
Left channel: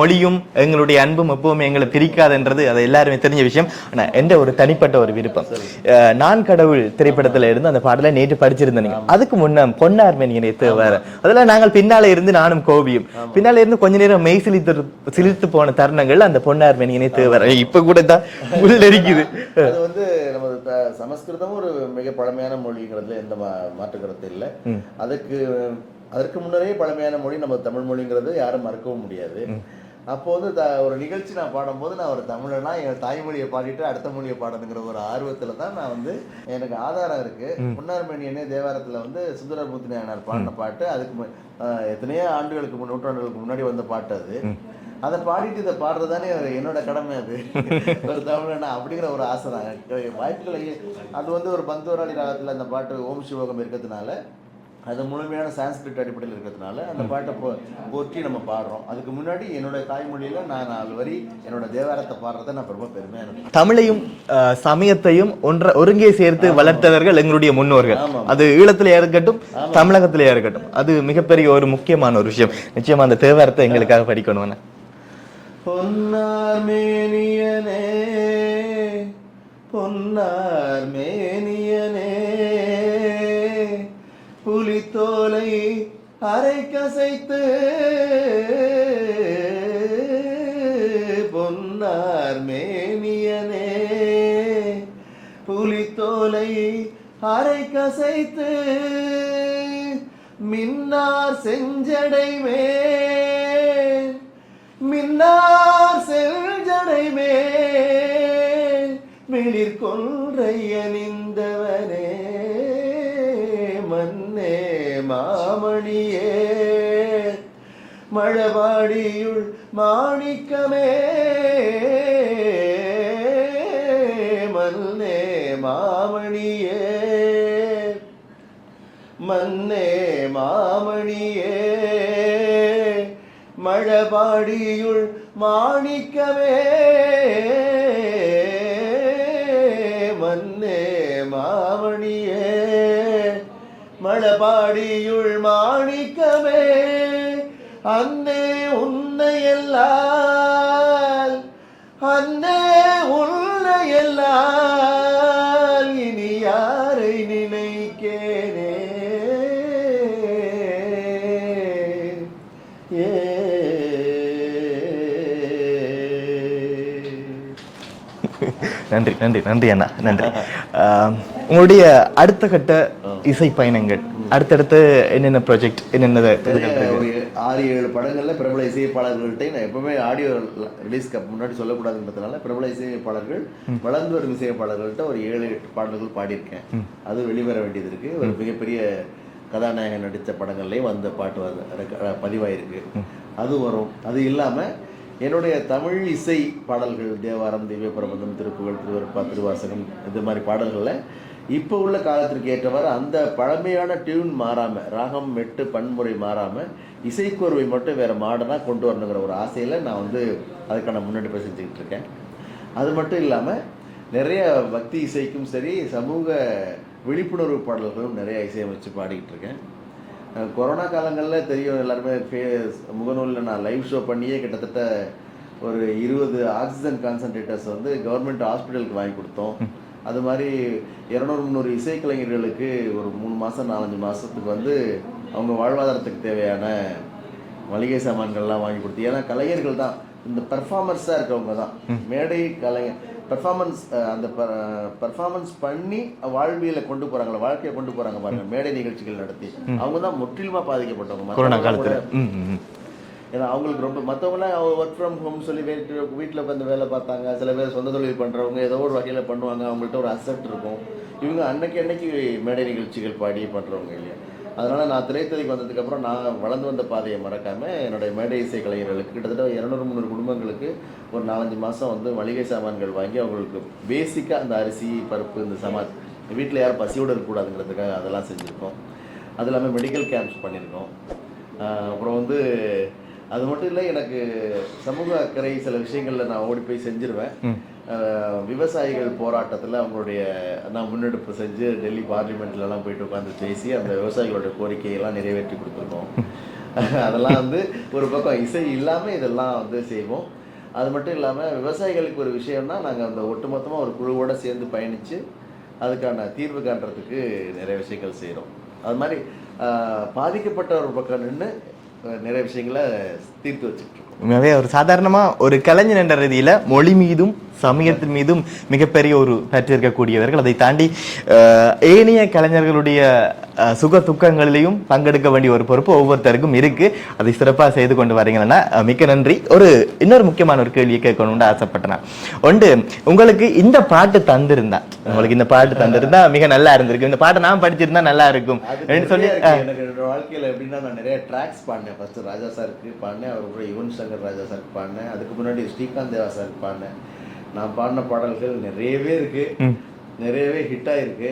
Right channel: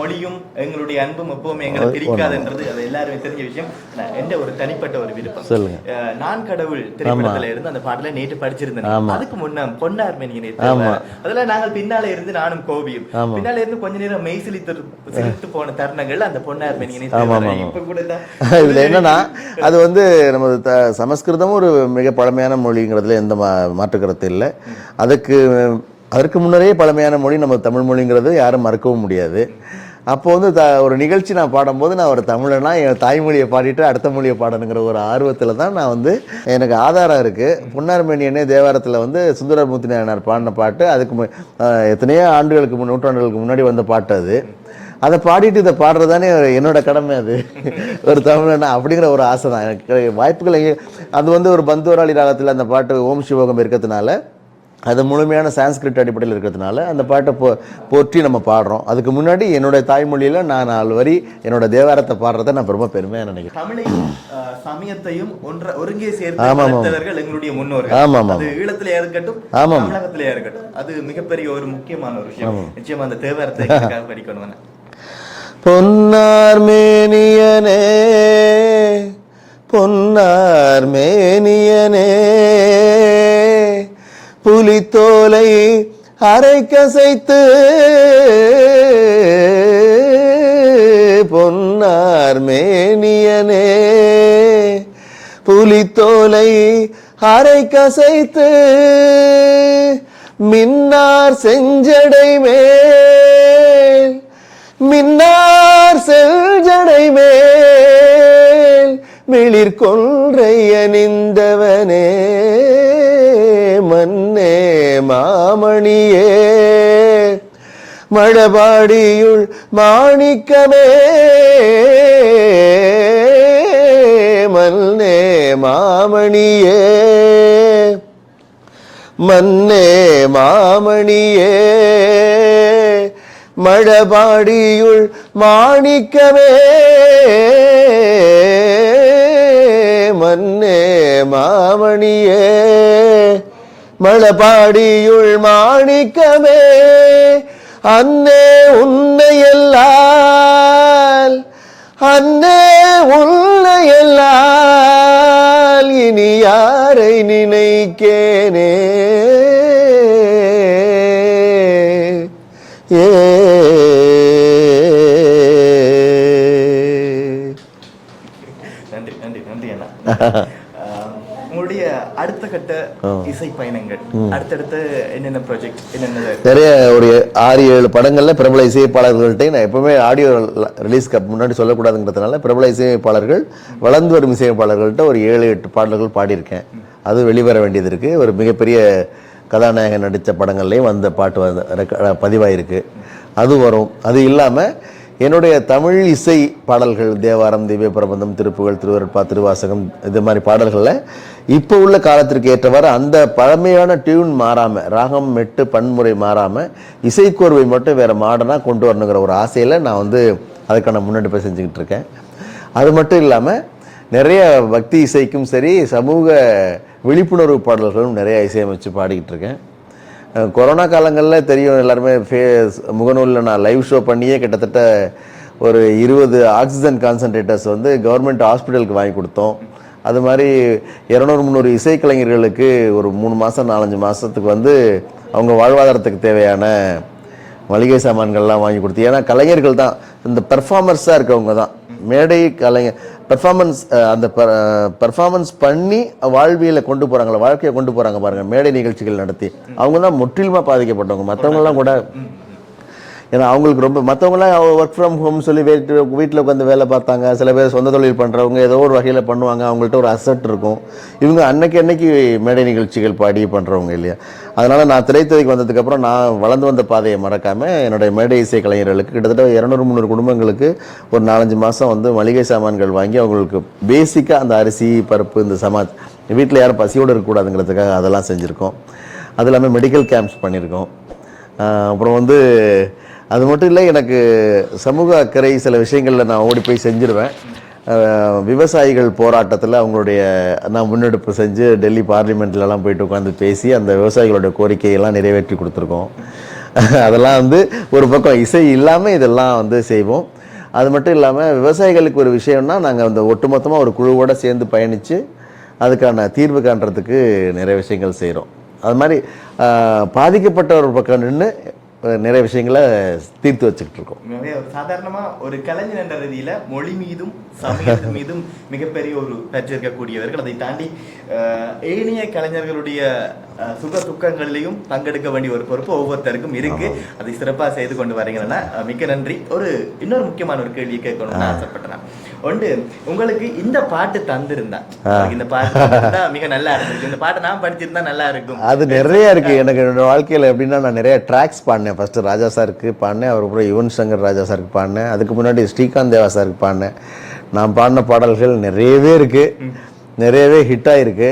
மொழியும் எங்களுடைய அன்பும் எப்பவுமே எங்களை பிரிக்காதுன்றது அது எல்லாருமே தெரிஞ்ச விஷயம். ஆனா எந்த ஒரு தனிப்பட்ட ஒரு விருப்பம், நான் கடவுள் திரைப்படத்துல இருந்து அந்த பாடலை நேற்று படிச்சிருந்தேன். அதுக்கு முன்ன பொன்னார் மேனியனை தேவை, அதெல்லாம் நாங்கள் பின்னால இருந்து நானும் கோபியும் பின்னால இருந்து கொஞ்ச நேரம் மெய் சிலித்து போன தருணங்கள் அந்த பொன்னார் மேனியனை தேவை இப்ப கூட தான். அது வந்து நம்ம சமஸ்கிருதம் ஒரு மிக பழமையான மொழிங்கிறதுல எந்த மாற்று கருத்து இல்லை. அதற்கு முன்னரே பழமையான மொழி நம்ம தமிழ் மொழிங்கிறது யாரும் மறுக்கவும் முடியாது. அப்போ வந்து ஒரு நிகழ்ச்சி நான் பாடும்போது நான் ஒரு தமிழனா என் தாய்மொழியை பாடிட்டு அடுத்த மொழியை பாடணுங்கிற ஒரு ஆர்வத்தில் தான் நான் வந்து எனக்கு ஆதாரம் இருக்குது. பொன்னார்மேனியனே தேவாரத்தில் வந்து சுந்தரமூர்த்தி நாயனார் பாடின பாட்டு. அதுக்கு எத்தனையோ நூற்றாண்டுகளுக்கு முன்னாடி வந்த பாட்டு அது. அதை பாடிட்டு இதை பாடுறதானே என்னோட கடமை. அது ஒரு தமிழனா அப்படிங்கிற ஒரு ஆசை தான் எனக்கு. வாய்ப்புகள் அது வந்து ஒரு பந்துவராளி ராகத்தில் அந்த பாட்டு ஓம் சிவோகம் இருக்கிறதுனால, அது முழுமையான சான்ஸ்கிரிட் அடிப்படையில் இருக்கிறதுனால அந்த பாட்டை போற்றி நம்ம பாடுறோம். அதுக்கு முன்னாடி என்னோட தாய்மொழியில நான் 4 வரி என்னோட தேவாரத்தை பாடுறதை நான் ரொம்ப பெருமையா நினைக்கிறேன். தமிழையும் சமயத்தையும் ஒருங்கே சேர்த்து வளர்த்தவர்கள் எங்களுடைய முன்னோர்கள். அது ஈழத்திலே இருக்கட்டும், தமிழகத்திலே இருக்கட்டும், அது மிகப்பெரிய ஒரு முக்கியமான ஒரு விஷயம். நிச்சயமா அந்த தேவாரத்தை எங்களுக்காக படிக்கணும். பொன்னார் மேனியனே, பொன்னார் மேனியனே, புலித்தோலை அரைக்கசைத்து பொன்னார் மேனியனே, புலித்தோலை அரை கசைத்து மின்னார் செஞ்சடை மேல் மின்னார் செஞ்சடை மேல் மிளிர் கொன்றை அணிந்தவனே மன்னே மாமணியே மழபாடியுள் மாணிக்கமே மன்னே மாமணியே மன்னே மாமணியே மழபாடியுள் மாணிக்கமே மன்னே மாமணியே மழபாடியுள் மாணிக்கமே அன்னே உன்னையல்லால் அன்னே உன்னையல்லால் இனி யாரை நினைக்கேனே ஏ நன்றி நன்றி நன்றி அண்ணா நன்றி. உங்களுடைய அடுத்த கட்ட இசை பயணங்கள் அடுத்தடுத்து என்னென்ன ப்ராஜெக்ட் என்னென்ன? நிறைய ஒரு 6-7 படங்கள்ல பிரபல இசையமைப்பாளர்கள்ட்ட நான் எப்பவுமே ஆடியோ ரிலீஸ்க்கு முன்னாடி சொல்லக்கூடாதுங்கிறதுனால பிரபல இசையமைப்பாளர்கள் வளர்ந்து வரும் இசையமைப்பாளர்கள்ட்ட ஒரு 7-8 பாடல்கள் பாடியிருக்கேன். அது வெளிவர வேண்டியது இருக்கு. ஒரு மிகப்பெரிய கதாநாயகன் நடித்த படங்கள்லேயும் வந்த பாட்டு பதிவாயிருக்கு. அது வரும். அது இல்லாமல் என்னுடைய தமிழ் இசை பாடல்கள் தேவாரம், திவ்ய பிரபந்தம், திருப்புகழ், திருவருட்பா, திருவாசகம் இது மாதிரி பாடல்களில் இப்போ உள்ள காலத்திற்கு ஏற்றவாறு அந்த பழமையான டியூன் மாறாமல், ராகம் மெட்டு பன்முறை மாறாமல் இசைக்கோர்வை மட்டும் வேறு மாடனாக கொண்டு வரணுங்கிற ஒரு ஆசையில் நான் வந்து அதுக்கான முன்னெடுப்பை செஞ்சுக்கிட்டு இருக்கேன். அது மட்டும் இல்லாமல் நிறைய பக்தி இசைக்கும் சரி சமூக விழிப்புணர்வு பாடல்களும் நிறைய இசையமைச்சு பாடிக்கிட்டு இருக்கேன். கொரோனா காலங்களில் தெரியும் எல்லாருமே முகநூலில் நான் லைவ் ஷோ பண்ணியே கிட்டத்தட்ட ஒரு 20 ஆக்சிஜன் கான்சன்ட்ரேட்டர்ஸ் வந்து கவர்மெண்ட் ஹாஸ்பிட்டலுக்கு வாங்கி கொடுத்தோம். அது மாதிரி 200-300 இசைக்கலைஞர்களுக்கு ஒரு 3 மாதம் 4-5 மாதத்துக்கு வந்து அவங்க வாழ்வாதாரத்துக்கு தேவையான மளிகை சாமான்கள்லாம் வாங்கி கொடுத்து. ஏன்னா கலைஞர்கள் தான் இந்த பெர்ஃபார்மர்ஸாக இருக்கவங்க தான் மேடை கலைஞர் பெர்ஃபார்மன்ஸ் பண்ணி வாழ்வியலை கொண்டு போகிறாங்களா, வாழ்க்கையை கொண்டு போகிறாங்க பாருங்கள் மேடை நிகழ்ச்சிகள் நடத்தி. அவங்க தான் முற்றிலுமாக பாதிக்கப்பட்டவங்க. மற்றவங்களாம் கூட ஏன்னா அவங்களுக்கு ரொம்ப மற்றவங்களாம் ஒர்க் ஃப்ரம் ஹோம் சொல்லி வீட்டில் உட்காந்து வேலை பார்த்தாங்க. சில பேர் சொந்த தொழில் பண்ணுறவங்க ஏதோ ஒரு வகையில் பண்ணுவாங்க. அவங்கள்ட்ட ஒரு அசட் இருக்கும். இவங்க அன்னைக்கு மேடை நிகழ்ச்சிகள் பாடி பண்ணுறவங்க இல்லையா. அதனால் நான் திரைத்துறைக்கு வந்ததுக்கப்புறம் நான் வளர்ந்து வந்த பாதையை மறக்காமல் என்னுடைய மேடை இசை கலைஞர்களுக்கு கிட்டத்தட்ட 200-300 குடும்பங்களுக்கு ஒரு 4-5 மாதம் வந்து மளிகை சாமான்கள் வாங்கி அவங்களுக்கு பேசிக்காக அந்த அரிசி பருப்பு இந்த வீட்டில் யாரும் பசியோடு இருக்கக்கூடாதுங்கிறதுக்காக அதெல்லாம் செஞ்சுருக்கோம். அது இல்லாமல் மெடிக்கல் கேம்ப்ஸ் பண்ணியிருக்கோம். அப்புறம் வந்து அது மட்டும் இல்லை, எனக்கு சமூக அக்கறை சில விஷயங்களில் நான் ஓடி போய் செஞ்சிருவேன். விவசாயிகள் போராட்டத்தில் அவங்களுடைய நான் முன்னெடுப்பு செஞ்சு டெல்லி பார்லிமெண்ட்லலாம் போயிட்டு உட்காந்து பேசி அந்த விவசாயிகளோட கோரிக்கையெல்லாம் நிறைவேற்றி கொடுத்துருக்கோம். அதெல்லாம் வந்து ஒரு பக்கம் இசை இல்லாமல் இதெல்லாம் வந்து செய்வோம். அது மட்டும் இல்லாமல் விவசாயிகளுக்கு ஒரு விஷயம்னா நாங்கள் அந்த ஒட்டுமொத்தமாக ஒரு குழுவோடு சேர்ந்து பயணித்து அதுக்கான தீர்வு காண்றதுக்கு நிறைய விஷயங்கள் செய்கிறோம். அது மாதிரி பாதிக்கப்பட்ட ஒரு பக்கம் நின்று நிறைய விஷயங்களை தீர்த்து வச்சுக்கிட்டு இருக்கோம். உண்மையாகவே ஒரு சாதாரணமாக ஒரு கலைஞர் என்ற ரீதியில் மொழி மீதும் சமயத்தின் மீதும் மிகப்பெரிய ஒரு பற்று இருக்கக்கூடியவர்கள். அதை தாண்டி ஏனைய கலைஞர்களுடைய சுக துக்கங்களிலையும் பங்கெடுக்க வேண்டிய ஒரு பொறுப்பு ஒவ்வொருத்தருக்கும் இருக்கு. அதை சிறப்பாக செய்து கொண்டு வரீங்கன்னா மிக்க நன்றி. இன்னொரு முக்கியமான ஒரு கேள்வியை கேட்கணும்னு ஆசைப்பட்டேன். ஒன்று, உங்களுக்கு இந்த பாட்டு தந்திருந்தா, உங்களுக்கு இந்த பாட்டு தந்திருந்தா மிக நல்லா இருந்திருக்கு, இந்த பாட்டை நான் படிச்சிருந்தா நல்லா இருக்கும். அது நிறைய இருக்கு. எனக்கு என்னோட வாழ்க்கையில் எப்படின்னா நான் நிறைய ட்ராக்ஸ் பாடினேன். ஃபர்ஸ்ட் ராஜா சாருக்கு பாடினேன், அவருக்கப்புறம் யுவன் சங்கர் ராஜா சாருக்கு பாடினேன், அதுக்கு முன்னாடி ஸ்ரீகாந்த் தேவா சாருக்கு பாடினேன். நான் பாடின பாடல்கள் நிறையவே இருக்கு, நிறையவே ஹிட் ஆயிருக்கு.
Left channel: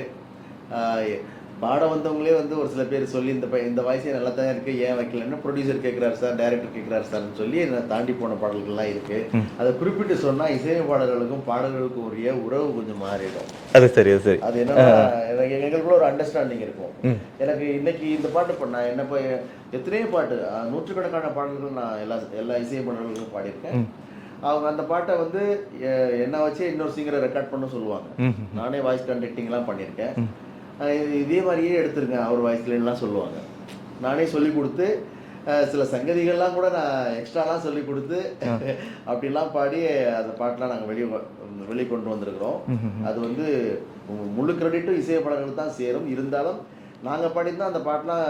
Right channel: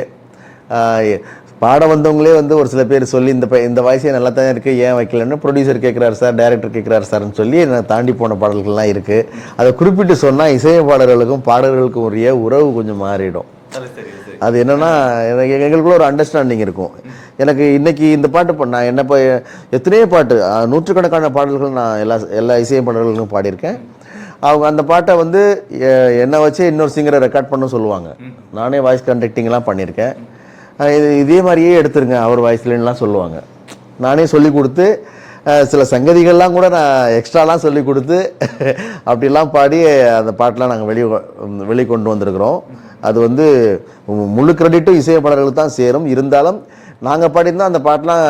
பாட வந்தவங்களே வந்து ஒரு சில பேர் சொல்லி இந்த வாய்ஸே நல்லா தான் இருக்கு, ஏன் வைக்கலன்னு ப்ரொடியூசர் கேட்குறாரு சார், டைரக்டர் கேட்குறாரு சார்ன்னு சொல்லி நான் தாண்டி போன பாடல்கள்லாம் இருக்கு. அதை குறிப்பிட்டு சொன்னால் இசையமைப்பாளர்களுக்கும் பாடல்களுக்கும் உரிய உறவு கொஞ்சம் மாறிடும். அது சரி சரி. அது என்னன்னா எங்களுக்குள்ள ஒரு அண்டர்ஸ்டாண்டிங் இருக்கும். எனக்கு இன்னைக்கு இந்த பாட்டு நான் என்ன எத்தனையோ பாட்டு நூற்றுக்கணக்கான பாடல்கள் நான் எல்லா இசையமைப்பாளர்களுக்கும் பாடியிருக்கேன். அவங்க அந்த பாட்டை வந்து என்னை வச்சு இன்னொரு சிங்கரை ரெக்கார்ட் பண்ண சொல்லுவாங்க. நானே வாய்ஸ் கண்டக்டிங்லாம் பண்ணியிருக்கேன். இதே மாதிரியே எடுத்துருங்க அவர் வாய்ஸ்லாம் சொல்லுவாங்க. நானே சொல்லி கொடுத்து சில சங்கதிகள்லாம் கூட நான் எக்ஸ்ட்ராலாம் சொல்லி கொடுத்து அப்படிலாம் பாடி அந்த பாட்டெலாம் நாங்கள் வெளிக்கொண்டு வந்திருக்கிறோம். அது வந்து முழு கிரெடிட்டும் இசையமைப்பாளர்களுக்கு தான் சேரும். இருந்தாலும் நாங்கள் பாடியிருந்தால் அந்த பாட்டெலாம்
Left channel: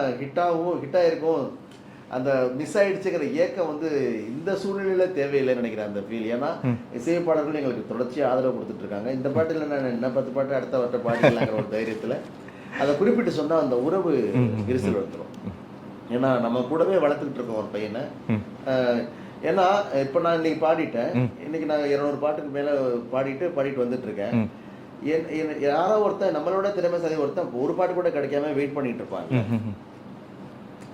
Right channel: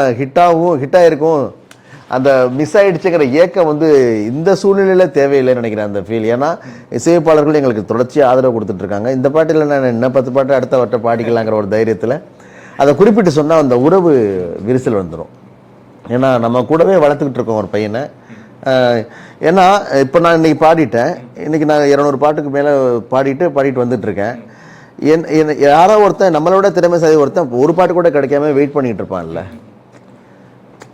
ஹிட்டாகிருக்கும். அந்த மிஸ் ஆயிடுச்சுங்கிற ஏக்கம் வந்து இந்த சூழ்நிலையில் தேவையில்லைன்னு நினைக்கிறேன் அந்த ஃபீல். ஏன்னா இசையமைப்பாளர்கள் எங்களுக்கு தொடர்ச்சியாக ஆதரவு கொடுத்துட்ருக்காங்க. இந்த பாட்டில் நான் என்ன 10 பாட்டு அடுத்த வட்ட பாடிக்கலாங்கிற ஒரு தைரியத்தில் அதை குறிப்பிட்டு சொன்னால் அந்த உறவு விரிசல் வந்துடும். ஏன்னா நம்ம கூடவே வளர்த்துக்கிட்டு இருக்கோம் ஒரு பையனை. ஏன்னா இப்போ நான் இன்னைக்கு பாடிட்டேன், இன்னைக்கு நான் 200 பாட்டுக்கு மேலே பாடிட்டு வந்துட்டு இருக்கேன். யாரோ ஒருத்தன் நம்மளோட திறமைசாலி ஒருத்தன் ஒரு பாட்டு கூட கிடைக்காம வெயிட் பண்ணிட்டு இருப்பான்ல,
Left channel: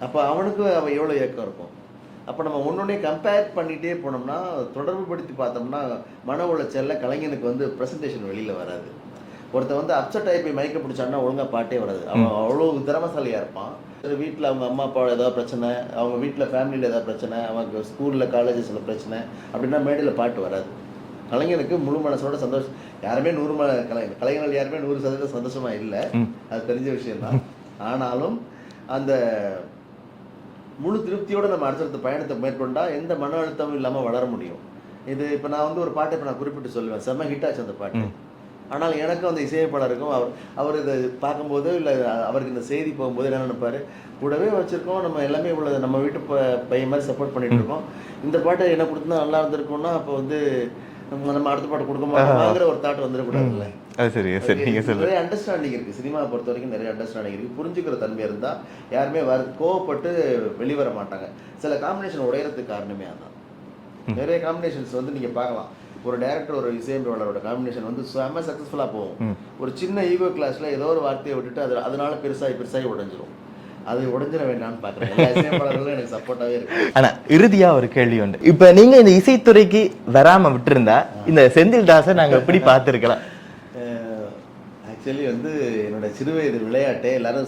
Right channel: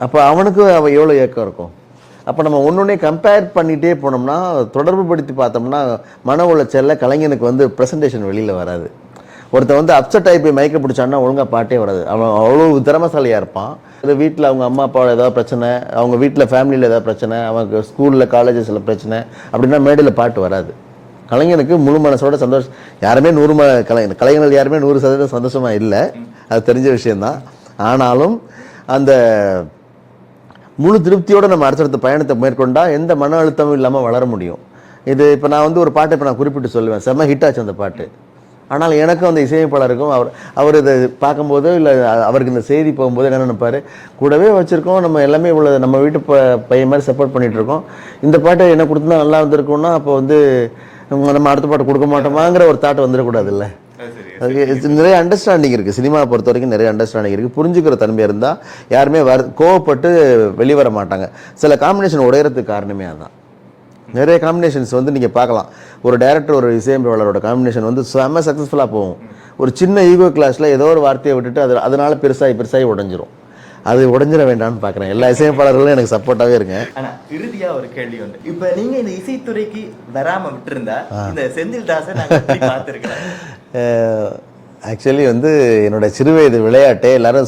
அப்போ அவனுக்கு எவ்வளோ ஏக்கம் இருக்கும். அப்போ நம்ம ஒன்னொன்னே கம்பேர் பண்ணிகிட்டே போனோம்னா, தொடர்பு படுத்தி பார்த்தோம்னா மன உளைச்சல்ல கலைஞனுக்கு வந்து ப்ரெசன்டேஷன் வெளியில் வராது. ஒருத்தன் வந்து அப்செட் ஆகி போய் மயக்க பிடிச்சான்னா ஒழுங்காக பாட்டே வராது. அவன் அவ்வளோ திறமைசாலியாக இருப்பான். இல்லை வீட்டில் அவங்க அம்மா அப்பாவோட ஏதாவது பிரச்சனை, அவங்க வீட்டில் ஃபேமிலியில் ஏதாவது பிரச்சனை, அவங்க ஸ்கூலில் காலேஜஸில் பிரச்சனை அப்படின்னா மேடையில் பாட்டு வராது. கலைஞனுக்கு முழு மனசோட சந்தோஷம். யாருமே கலைஞர்கள் யாருமே 100% சந்தோஷமாக இல்லை, அது தெரிஞ்ச விஷயந்தான். ஆனாலும் அந்த முழு திருப்தியோடு நம்ம அடுத்தடுத்த பயணத்தை மேற்கொண்டா எந்த மன அழுத்தமும் இல்லாமல் வளர முடியும். இது இப்போ நான் வந்து ஒரு பாட்டை இப்போ நான் குறிப்பிட்டு சொல்லுவேன், செம்ம ஹிட் ஆச்சு அந்த பாட்டு. ஆனால் எனக்கும் அந்த இசையமைப்பாளருக்கும் அவர் இதை பார்க்கும்போது இல்லை அவருக்கு இந்த செய்தி போகும்போது என்ன நினைப்பாரு, கூடவே வச்சுருக்கோம் நம்ம எல்லாமே இவ்வளோ நம்ம வீட்டு பையன் மாதிரி சப்போர்ட் பண்ணிட்டு இருக்கோம், இந்த பாட்டை என்ன கொடுத்தா நல்லா வந்திருக்கோம்னா அப்போ வந்து நம்ம அடுத்த பாட்டு கொடுக்க மாட்டோமாங்கிற ஒரு தாட் வந்துடக்கூடாதுல்ல. நிறைய அண்டர்ஸ்டாண்டிங் இருக்குது, சினிமா பொறுத்த வரைக்கும் நிறைய அண்டர்ஸ்டாண்டிங் இருக்குது. புரிஞ்சுக்கிற தன்மை இருந்தால் யாருமே கோவப்பட்டு வெளிவர மாட்டாங்க. சில காம்பினேஷன் உடையறதுக்கு காரணமே அதுதான். நிறைய காம்பினேஷன்ஸ் வந்து நீங்கள் பார்க்கலாம், ஒரு டைரக்டர் ஒரு இசையமைப்பாளரோட காம்பினேஷன் வந்து செம்ம சக்ஸஸ்ஃபுல்லாக போகும். ஒரு சின்ன ஈகோ கிளாஸில் ஏதோ ஒரு வார்த்தையை விட்டுட்டு அதனால பெருசாகி உடைஞ்சிரும். அது உடைஞ்சிட வேண்டாம்னு பார்க்குறேன். எல்லா இசையமைப்பாளர்களும் எனக்கு சப்போர்ட்டாகவே இருக்கு. ஆனால் இறுதியாக ஒரு கேள்வி உண்டு, இப்போ நீங்கள் இந்த இசைத்துறைக்கு வராமல் விட்டுருந்தா இந்த செந்தில் தாஸை நாங்கள் எப்படி பார்த்துருக்கலாம்? ஆக்சுவலி வந்து என்னோட சிறுவயது விளையாட்டே எல்லாரும்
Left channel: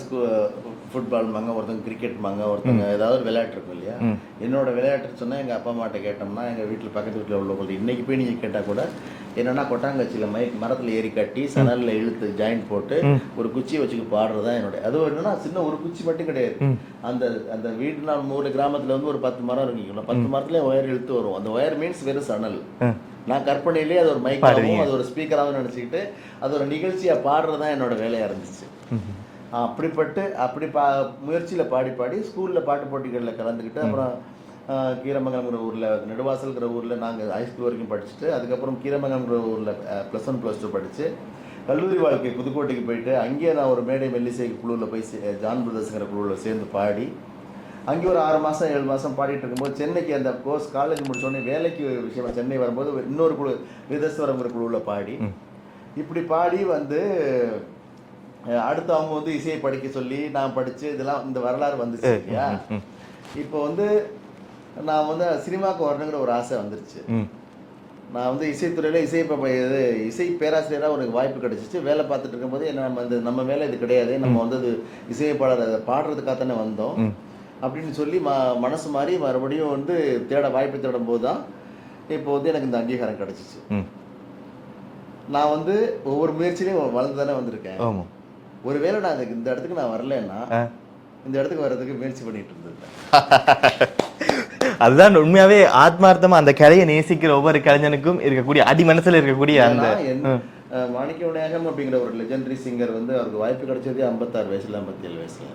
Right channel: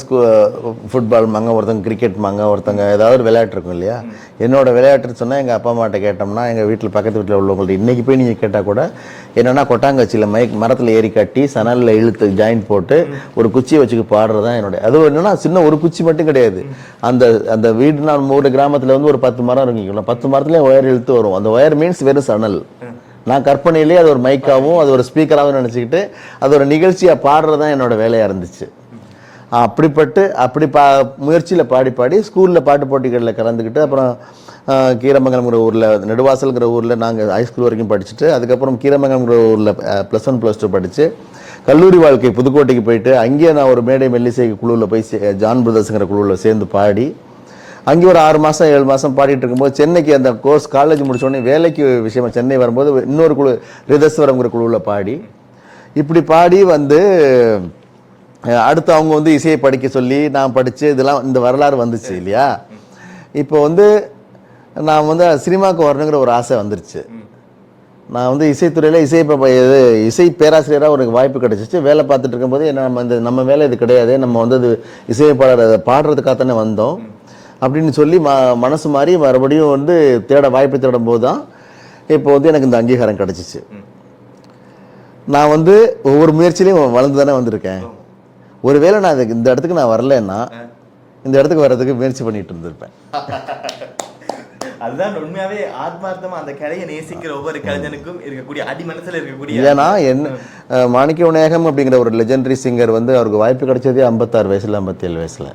ஃபுட்பால் மாங்க, ஒருத்தங்க கிரிக்கெட் மாங்க, ஒருத்தங்க ஏதாவது ஒரு விளையாட்டு இருக்கும் இல்லையா. என்னோட விளையாட்டுன்னு சொன்னால் எங்கள் அப்பா அம்மாட்ட கேட்டோம்னா, எங்கள் வீட்டில் பக்கத்து வீட்டில் உள்ளவங்கள்ட்ட இன்றைக்கி போய் நீங்கள் கேட்டால் கூட என்னென்னா கொட்டாங்கச்சியில் மரத்தில் ஏறி கட்டி சணலில் இழுத்து ஜாயிண்ட் போட்டு ஒரு குச்சியை வச்சுக்கு பாடுறது தான் என்னோட. அது என்னன்னா சின்ன ஒரு குச்சி மட்டும் கிடையாது, அந்த வீடு நான் ஒரு கிராமத்தில் வந்து ஒரு 10 மரம் இருக்குங்களா, 10 மரத்துலேயே ஒயர் இழுத்து வரும். அந்த ஒயர் மீன்ஸ் வெறும் சணல். நான் கற்பனையிலேயே அது ஒரு மைக்காகவும் அது ஒரு ஸ்பீக்கராகவும் நினச்சிக்கிட்டு அது ஒரு நிகழ்ச்சியாக பாடுறது தான் என்னோட வேலையாக இருந்துச்சு. அப்படி முயற்சியில் பாடி ஸ்கூலில் பாட்டு போட்டிகளில் கலந்துக்கிட்டு அப்புறம் கீரமங்கலம்ங்கிற ஊரில், நெடுவாசல்ங்கிற ஊரில் நாங்கள் ஹைஸ்கூல் வரைக்கும் படிச்சுட்டு அதுக்கப்புறம் கீரமங்கலம்ங்கிற ஊரில் +1 +2 படித்து கல்லூரி வாழ்க்கை புதுக்கோட்டைக்கு போயிட்டு அங்கேயே நான் ஒரு மேடை மெல்லிசை குழுவில் போய் ஜான் பிரதர்ஸுங்கிற குழுவில் சேர்ந்து பாடி அங்கே ஒரு 6 மாதம் 7 மாதம் பாடிட்டு இருக்கும்போது சென்னைக்கு அந்த கோர்ஸ் காலேஜ் முடிச்சோடனே வேலைக்கு விஷயமா சென்னை வரும்போது இன்னொரு குழு ரிதஸ்வரம்ங்கிற குழுவில் இப்படி பாடி வந்து அடுத்து அவங்க வந்து இசையை படிக்க சொல்லி நான் படித்து இதெல்லாம் இந்த வரலாறு வந்துச்சு இல்லையா. இப்போ வந்து நான் வந்து சினிமாவுக்கு வரணுங்கிற ஒரு ஆசை வந்துருச்சு. நான் வந்து இசைத்துறையில் இசை பேராசிரியராக ஒரு வாய்ப்பு கிடைச்சிச்சு. வேலை பார்த்துட்டு இருக்கும்போது நம்ம வேலை இது கிடையாது, நம்ம வந்து அது இசையமைப்பாளர் அதை பாடுறதுக்காக தானே வந்தோம் அப்படின்னு சொல்லி மனசு மாறி மறுபடியும் வந்து வாய்ப்பு தேடும் போது தான் இப்போ வந்து எனக்கு இந்த அங்கீகாரம் கிடைச்சிச்சு. நான் வந்து ஒவ்வொரு முயற்சியிலையும் வளர்ந்து தானே வந்திருக்கேன். ஒருவேளை நான் இந்த இடத்துக்கு நான் வரலன்னா இந்த இடத்துக்கு வர்றதுக்கு முயற்சி பண்ணிட்டு இருந்திருப்பேன். அதுதான் உண்மையாவே ஆத்மார்த்தமா அந்த கலையை நேசிக்கிற ஒவ்வொரு கலைஞனுக்கும் இருக்கக்கூடிய அடி மனசுல இருக்கக்கூடிய. ஏன்னா மாணிக்க விநாயகம் அப்படிங்கிற ஒரு லெஜெண்டரி சிங்கர் வந்து அவருக்கு வாய்ப்பு கிடைச்சதே 56 வயசுல 57 வயசுல.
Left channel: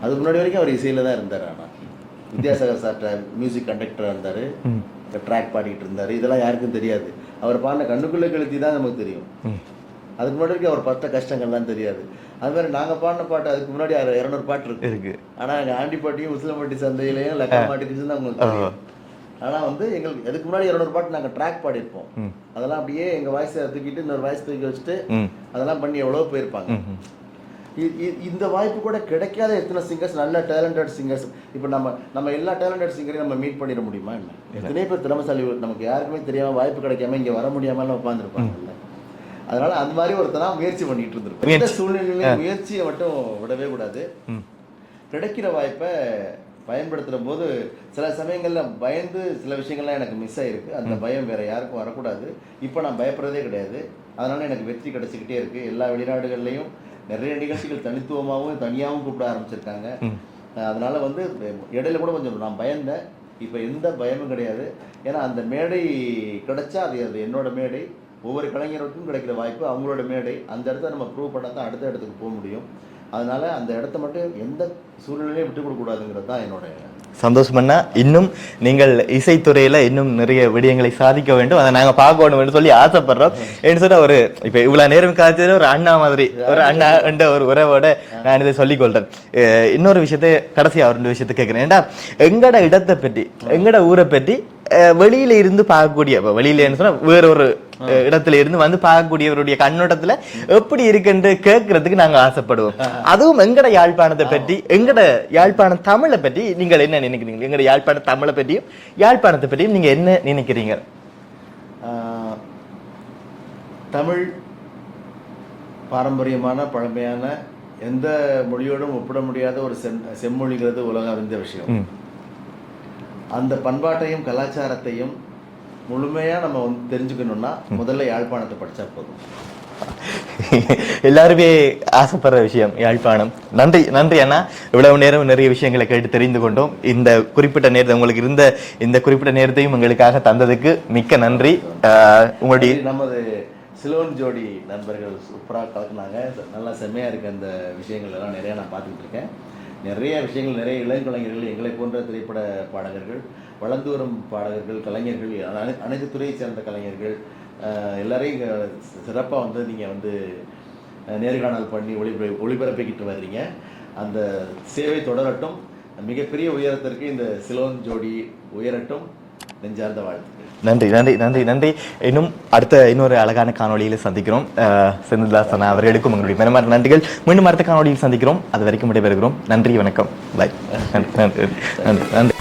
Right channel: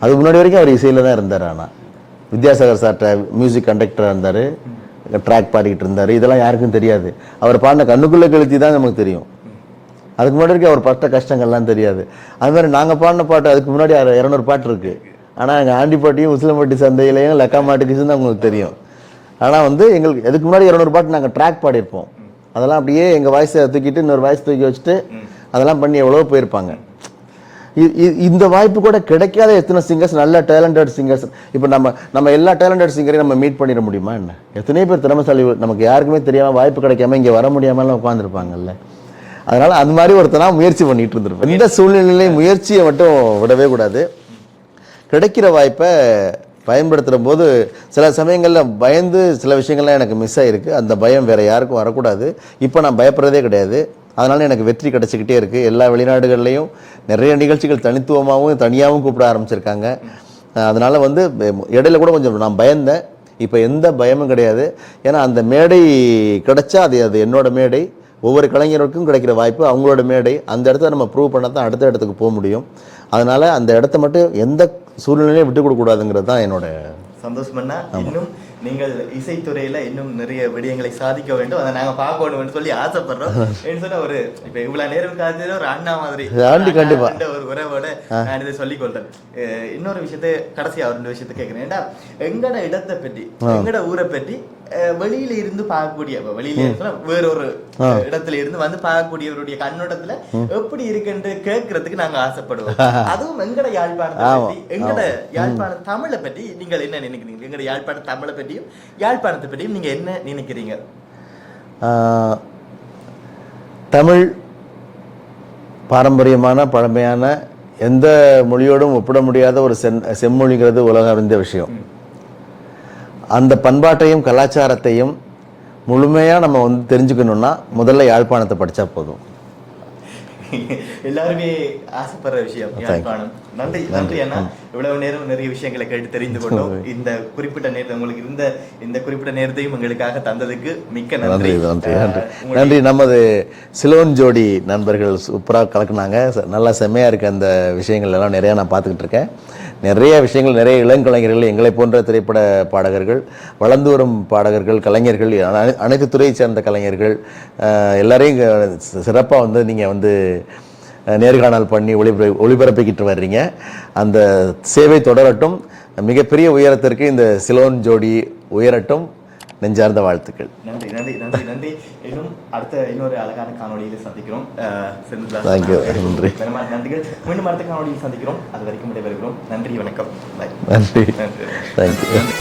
அதுக்கு முன்னாடி வரைக்கும் அவர் இசையில தான் இருந்தார். ஆனால் வித்யாசாகர் சார்ட்ட மியூசிக் கண்டக்டராக இருந்தார், ட்ராக் பாடிக்கிட்டு இருந்தார். இதெல்லாம் யாருக்கும் தெரியாது. அவர் பாடின கண்ணுக்குள்ளே கழிச்சு தான் நமக்கு தெரியும். அதுக்கு முன்னாடி வரைக்கும் அவர் பட்ட கஷ்டங்கள்லாம் தெரியாது. அது மாதிரி நாங்கள் பாடின பாட்டு அதுக்கு முன்னாடி 200 பாட்டு இருக்கு. ஆனால் எங்கள் ஆண்டிப்பாட்டியும் உசிலம்பட்டி சந்தையிலையும் லக்கா மாட்டுக்குன்னு தான் உங்களுக்கு தெரியும். ஆனால் வந்து எங்களுக்கு அதுக்கு முன்னாடி 200 பாட்டு நாங்கள் ட்ராக் பாடியிருப்போம். அதெல்லாம் அப்படியே எங்கள் வாய்ஸை தூக்கிட்டு இன்னொரு வாய்ஸ் தூக்கி வச்சுட்டு அதெல்லாம் பண்ணி எவ்வளோ போயிருப்பாங்க. இந்த வாய்ப்பு கூட கிடைக்காத எத்தனை சிங்கர்ஸ், நல்ல டேலண்டட் சிங்கர்ஸ். இப்போ நம்ம எல்லா டேலண்டட் சிங்கரையும் நம்ம மீட் பண்ணிட முடியுமா என்ன? எத்தனை பேர் திறமைசாலி நமக்கு யாருக்குமே தெரியாமல் வாய்ப்பு கிடைக்காம இங்கே வர முடியாமலாம் உட்காந்துருப்பாங்கல்ல. அதனால அந்த மாதிரி ஒருத்தனா முயற்சி பண்ணிட்டு இருந்திருப்பேன். இந்த சூழ்நிலையிலேயே முயற்சியை மட்டும் விடவே கூடாது. கிடைக்கிற வாய்ப்பை பயன்படுத்துகிற போது சில சமயங்களில் பயந்து சில விஷயங்கள்லாம் எனக்கு மிஸ் ஆகிருக்கு. அந்த பயம் வேறு யாருக்கும் வரக்கூடாது. இப்போ நான் பயப்படுறதே கிடையாது. அதனால எனக்கு வெற்றி கிடைச்சிக்கிட்டே இருக்குது. எல்லா வெளிநாடுகள்லையும் நிறைய நிகழ்ச்சிகள் தனித்துவமாகவும் தனியாகவும் கூப்பிட ஆரம்பிச்சிருக்காங்க. அதனால் வந்து இடையில கூட கொஞ்சம் நான் பயந்தேன். இப்போ எந்த பயமும் கிடையாது. ஏன்னா அந்த மேடை கிடைச்சா அது என்னோட மேடை. ஒவ்வொரு கலைஞருக்கும் கிடைக்கிற வாய்ப்பு அவங்களோட மேடை. அந்த இடத்த நம்ம ப்ரூவ் பண்ண தான் அடுத்த இடத்துக்கு போக முடியும். அதனால் அந்த இடத்த மட்டும் எந்த சூழ்நிலையும் விட்டு கொடுக்கக்கூடாதுங்கிறது தான் என்னோட சந்தோஷம்னா. இன்னும் நீங்கள் இசைத்துறையில இன்னும் நிறைய விடயங்களை சாதிக்க வேண்டும், அதை நாங்க பார்க்கணும் சொல்லி ஆசைப்படுறோம். என்று சொன்ன ஒரு இப்ப இவ்வளவு நேரம் காய்ச்சது ஒரு அண்ணா மாதிரி ஒரு உறவோட நான் இதை சொல்லிக் கொள்றேன். இன்னொரு விஷயத்தை கடைசியா ரெண்டு விஷயத்தை கேட்கிறேன். ஏன்டா எங்கட இடத்தை பற்றி எங்கட ஊரை பற்றி வெளியில இருந்து பார்க்கக்கூடிய, வெளியில சொன்னா வேற ஒரு இடத்துல இருந்து வந்து பார்க்கக்கூடியவருடைய கண்ணோட்டத்துல எப்படி இருக்குன்னு கேட்கறதுக்கு நாங்க ஆசைப்படுவோம். அதுவும் எங்கட யாழ்ப்பாணத்தை பற்றி, எங்கட யாழ்ப்பாணம் தமிழை பற்றி நீங்கள் என்ன நினைக்கிறீங்க? எங்கட யாழ்ப்பாண தமிழை பற்றியும் யாழ்ப்பாணத்தை பற்றியும் நீங்க என்ன நினைக்கிறீங்க? தமிழ் பாரம்பரியமான பழமையான எந்த மொழியோடும் ஒப்பிட முடியாத ஒரு செம்மொழிங்கிறது உலக அறிந்த விஷயம். அந்த பண்பாட்டையும் கலாச்சாரத்தையும் முழுமையாக நம்ம வந்து தெரிஞ்சுக்கணும்னா முதல்ல யாழ்ப்பாணத்தை படித்தா போதும். எல்லாருமே ஆசைப்படுற விஷயம் யாழ்ப்பாணம். நன்றி நன்றி அண்ணா. இவ்வளவு நேரம் நிறைய விஷயங்களை கேட்டு தெரிந்து கொண்டோம். இந்த குறிப்பிட்ட நேரத்தை உங்களுக்கு இருந்த இந்த குறிப்பிட்ட நேரத்தையும் எங்களுக்காக தந்ததுக்கு மிக்க நன்றி. நன்றி. நமது சிலோன் ஜோடி நண்பர்கள் சூப்பராக கலக்குனாங்க. நல்லா செம்மையாக இருக்கு. அந்த விஷயங்கள் எல்லாம் நிறையா நான் பார்த்துக்கிட்டு இருக்கேன். நிறைய விஷயங்கள், நிறைய இளங்கலைஞர்கள், எங்களை போன்ற திரைப்பட பாடகர்கள், வளர்ந்து வரும் பாடகர்கள், கலைஞர்கள், அனைத்து துறையை சேர்ந்த கலைஞர்கள் எல்லாரையும் சிறப்பாக வந்து நீங்கள் வந்து நேர்காணல் பண்ணி ஒளிபரப்பிக்கிட்டு வர்றீங்க. அந்த சேவை தொடரட்டும். மிகப்பெரிய உயரத்திற்கு இந்த சிலோன் ஜோடி உயரட்டும். நெஞ்சார்ந்த வாழ்த்துக்கள். நன்றி நன்றி நன்றி நன்றி. இன்னும் அடுத்த இன்னொரு அழகான காணொலியில சந்திக்கிறோம். செந்தில்தாசன் அவர்களுக்கும் உங்களுக்கு நன்றிகள். மீண்டும் அடுத்த காணொலியில் சந்திக்கிறோம். அது வரைக்கும் விடைபெறுகிறோம். நன்றி, வணக்கம். பாய். நன்றி. நன்றி.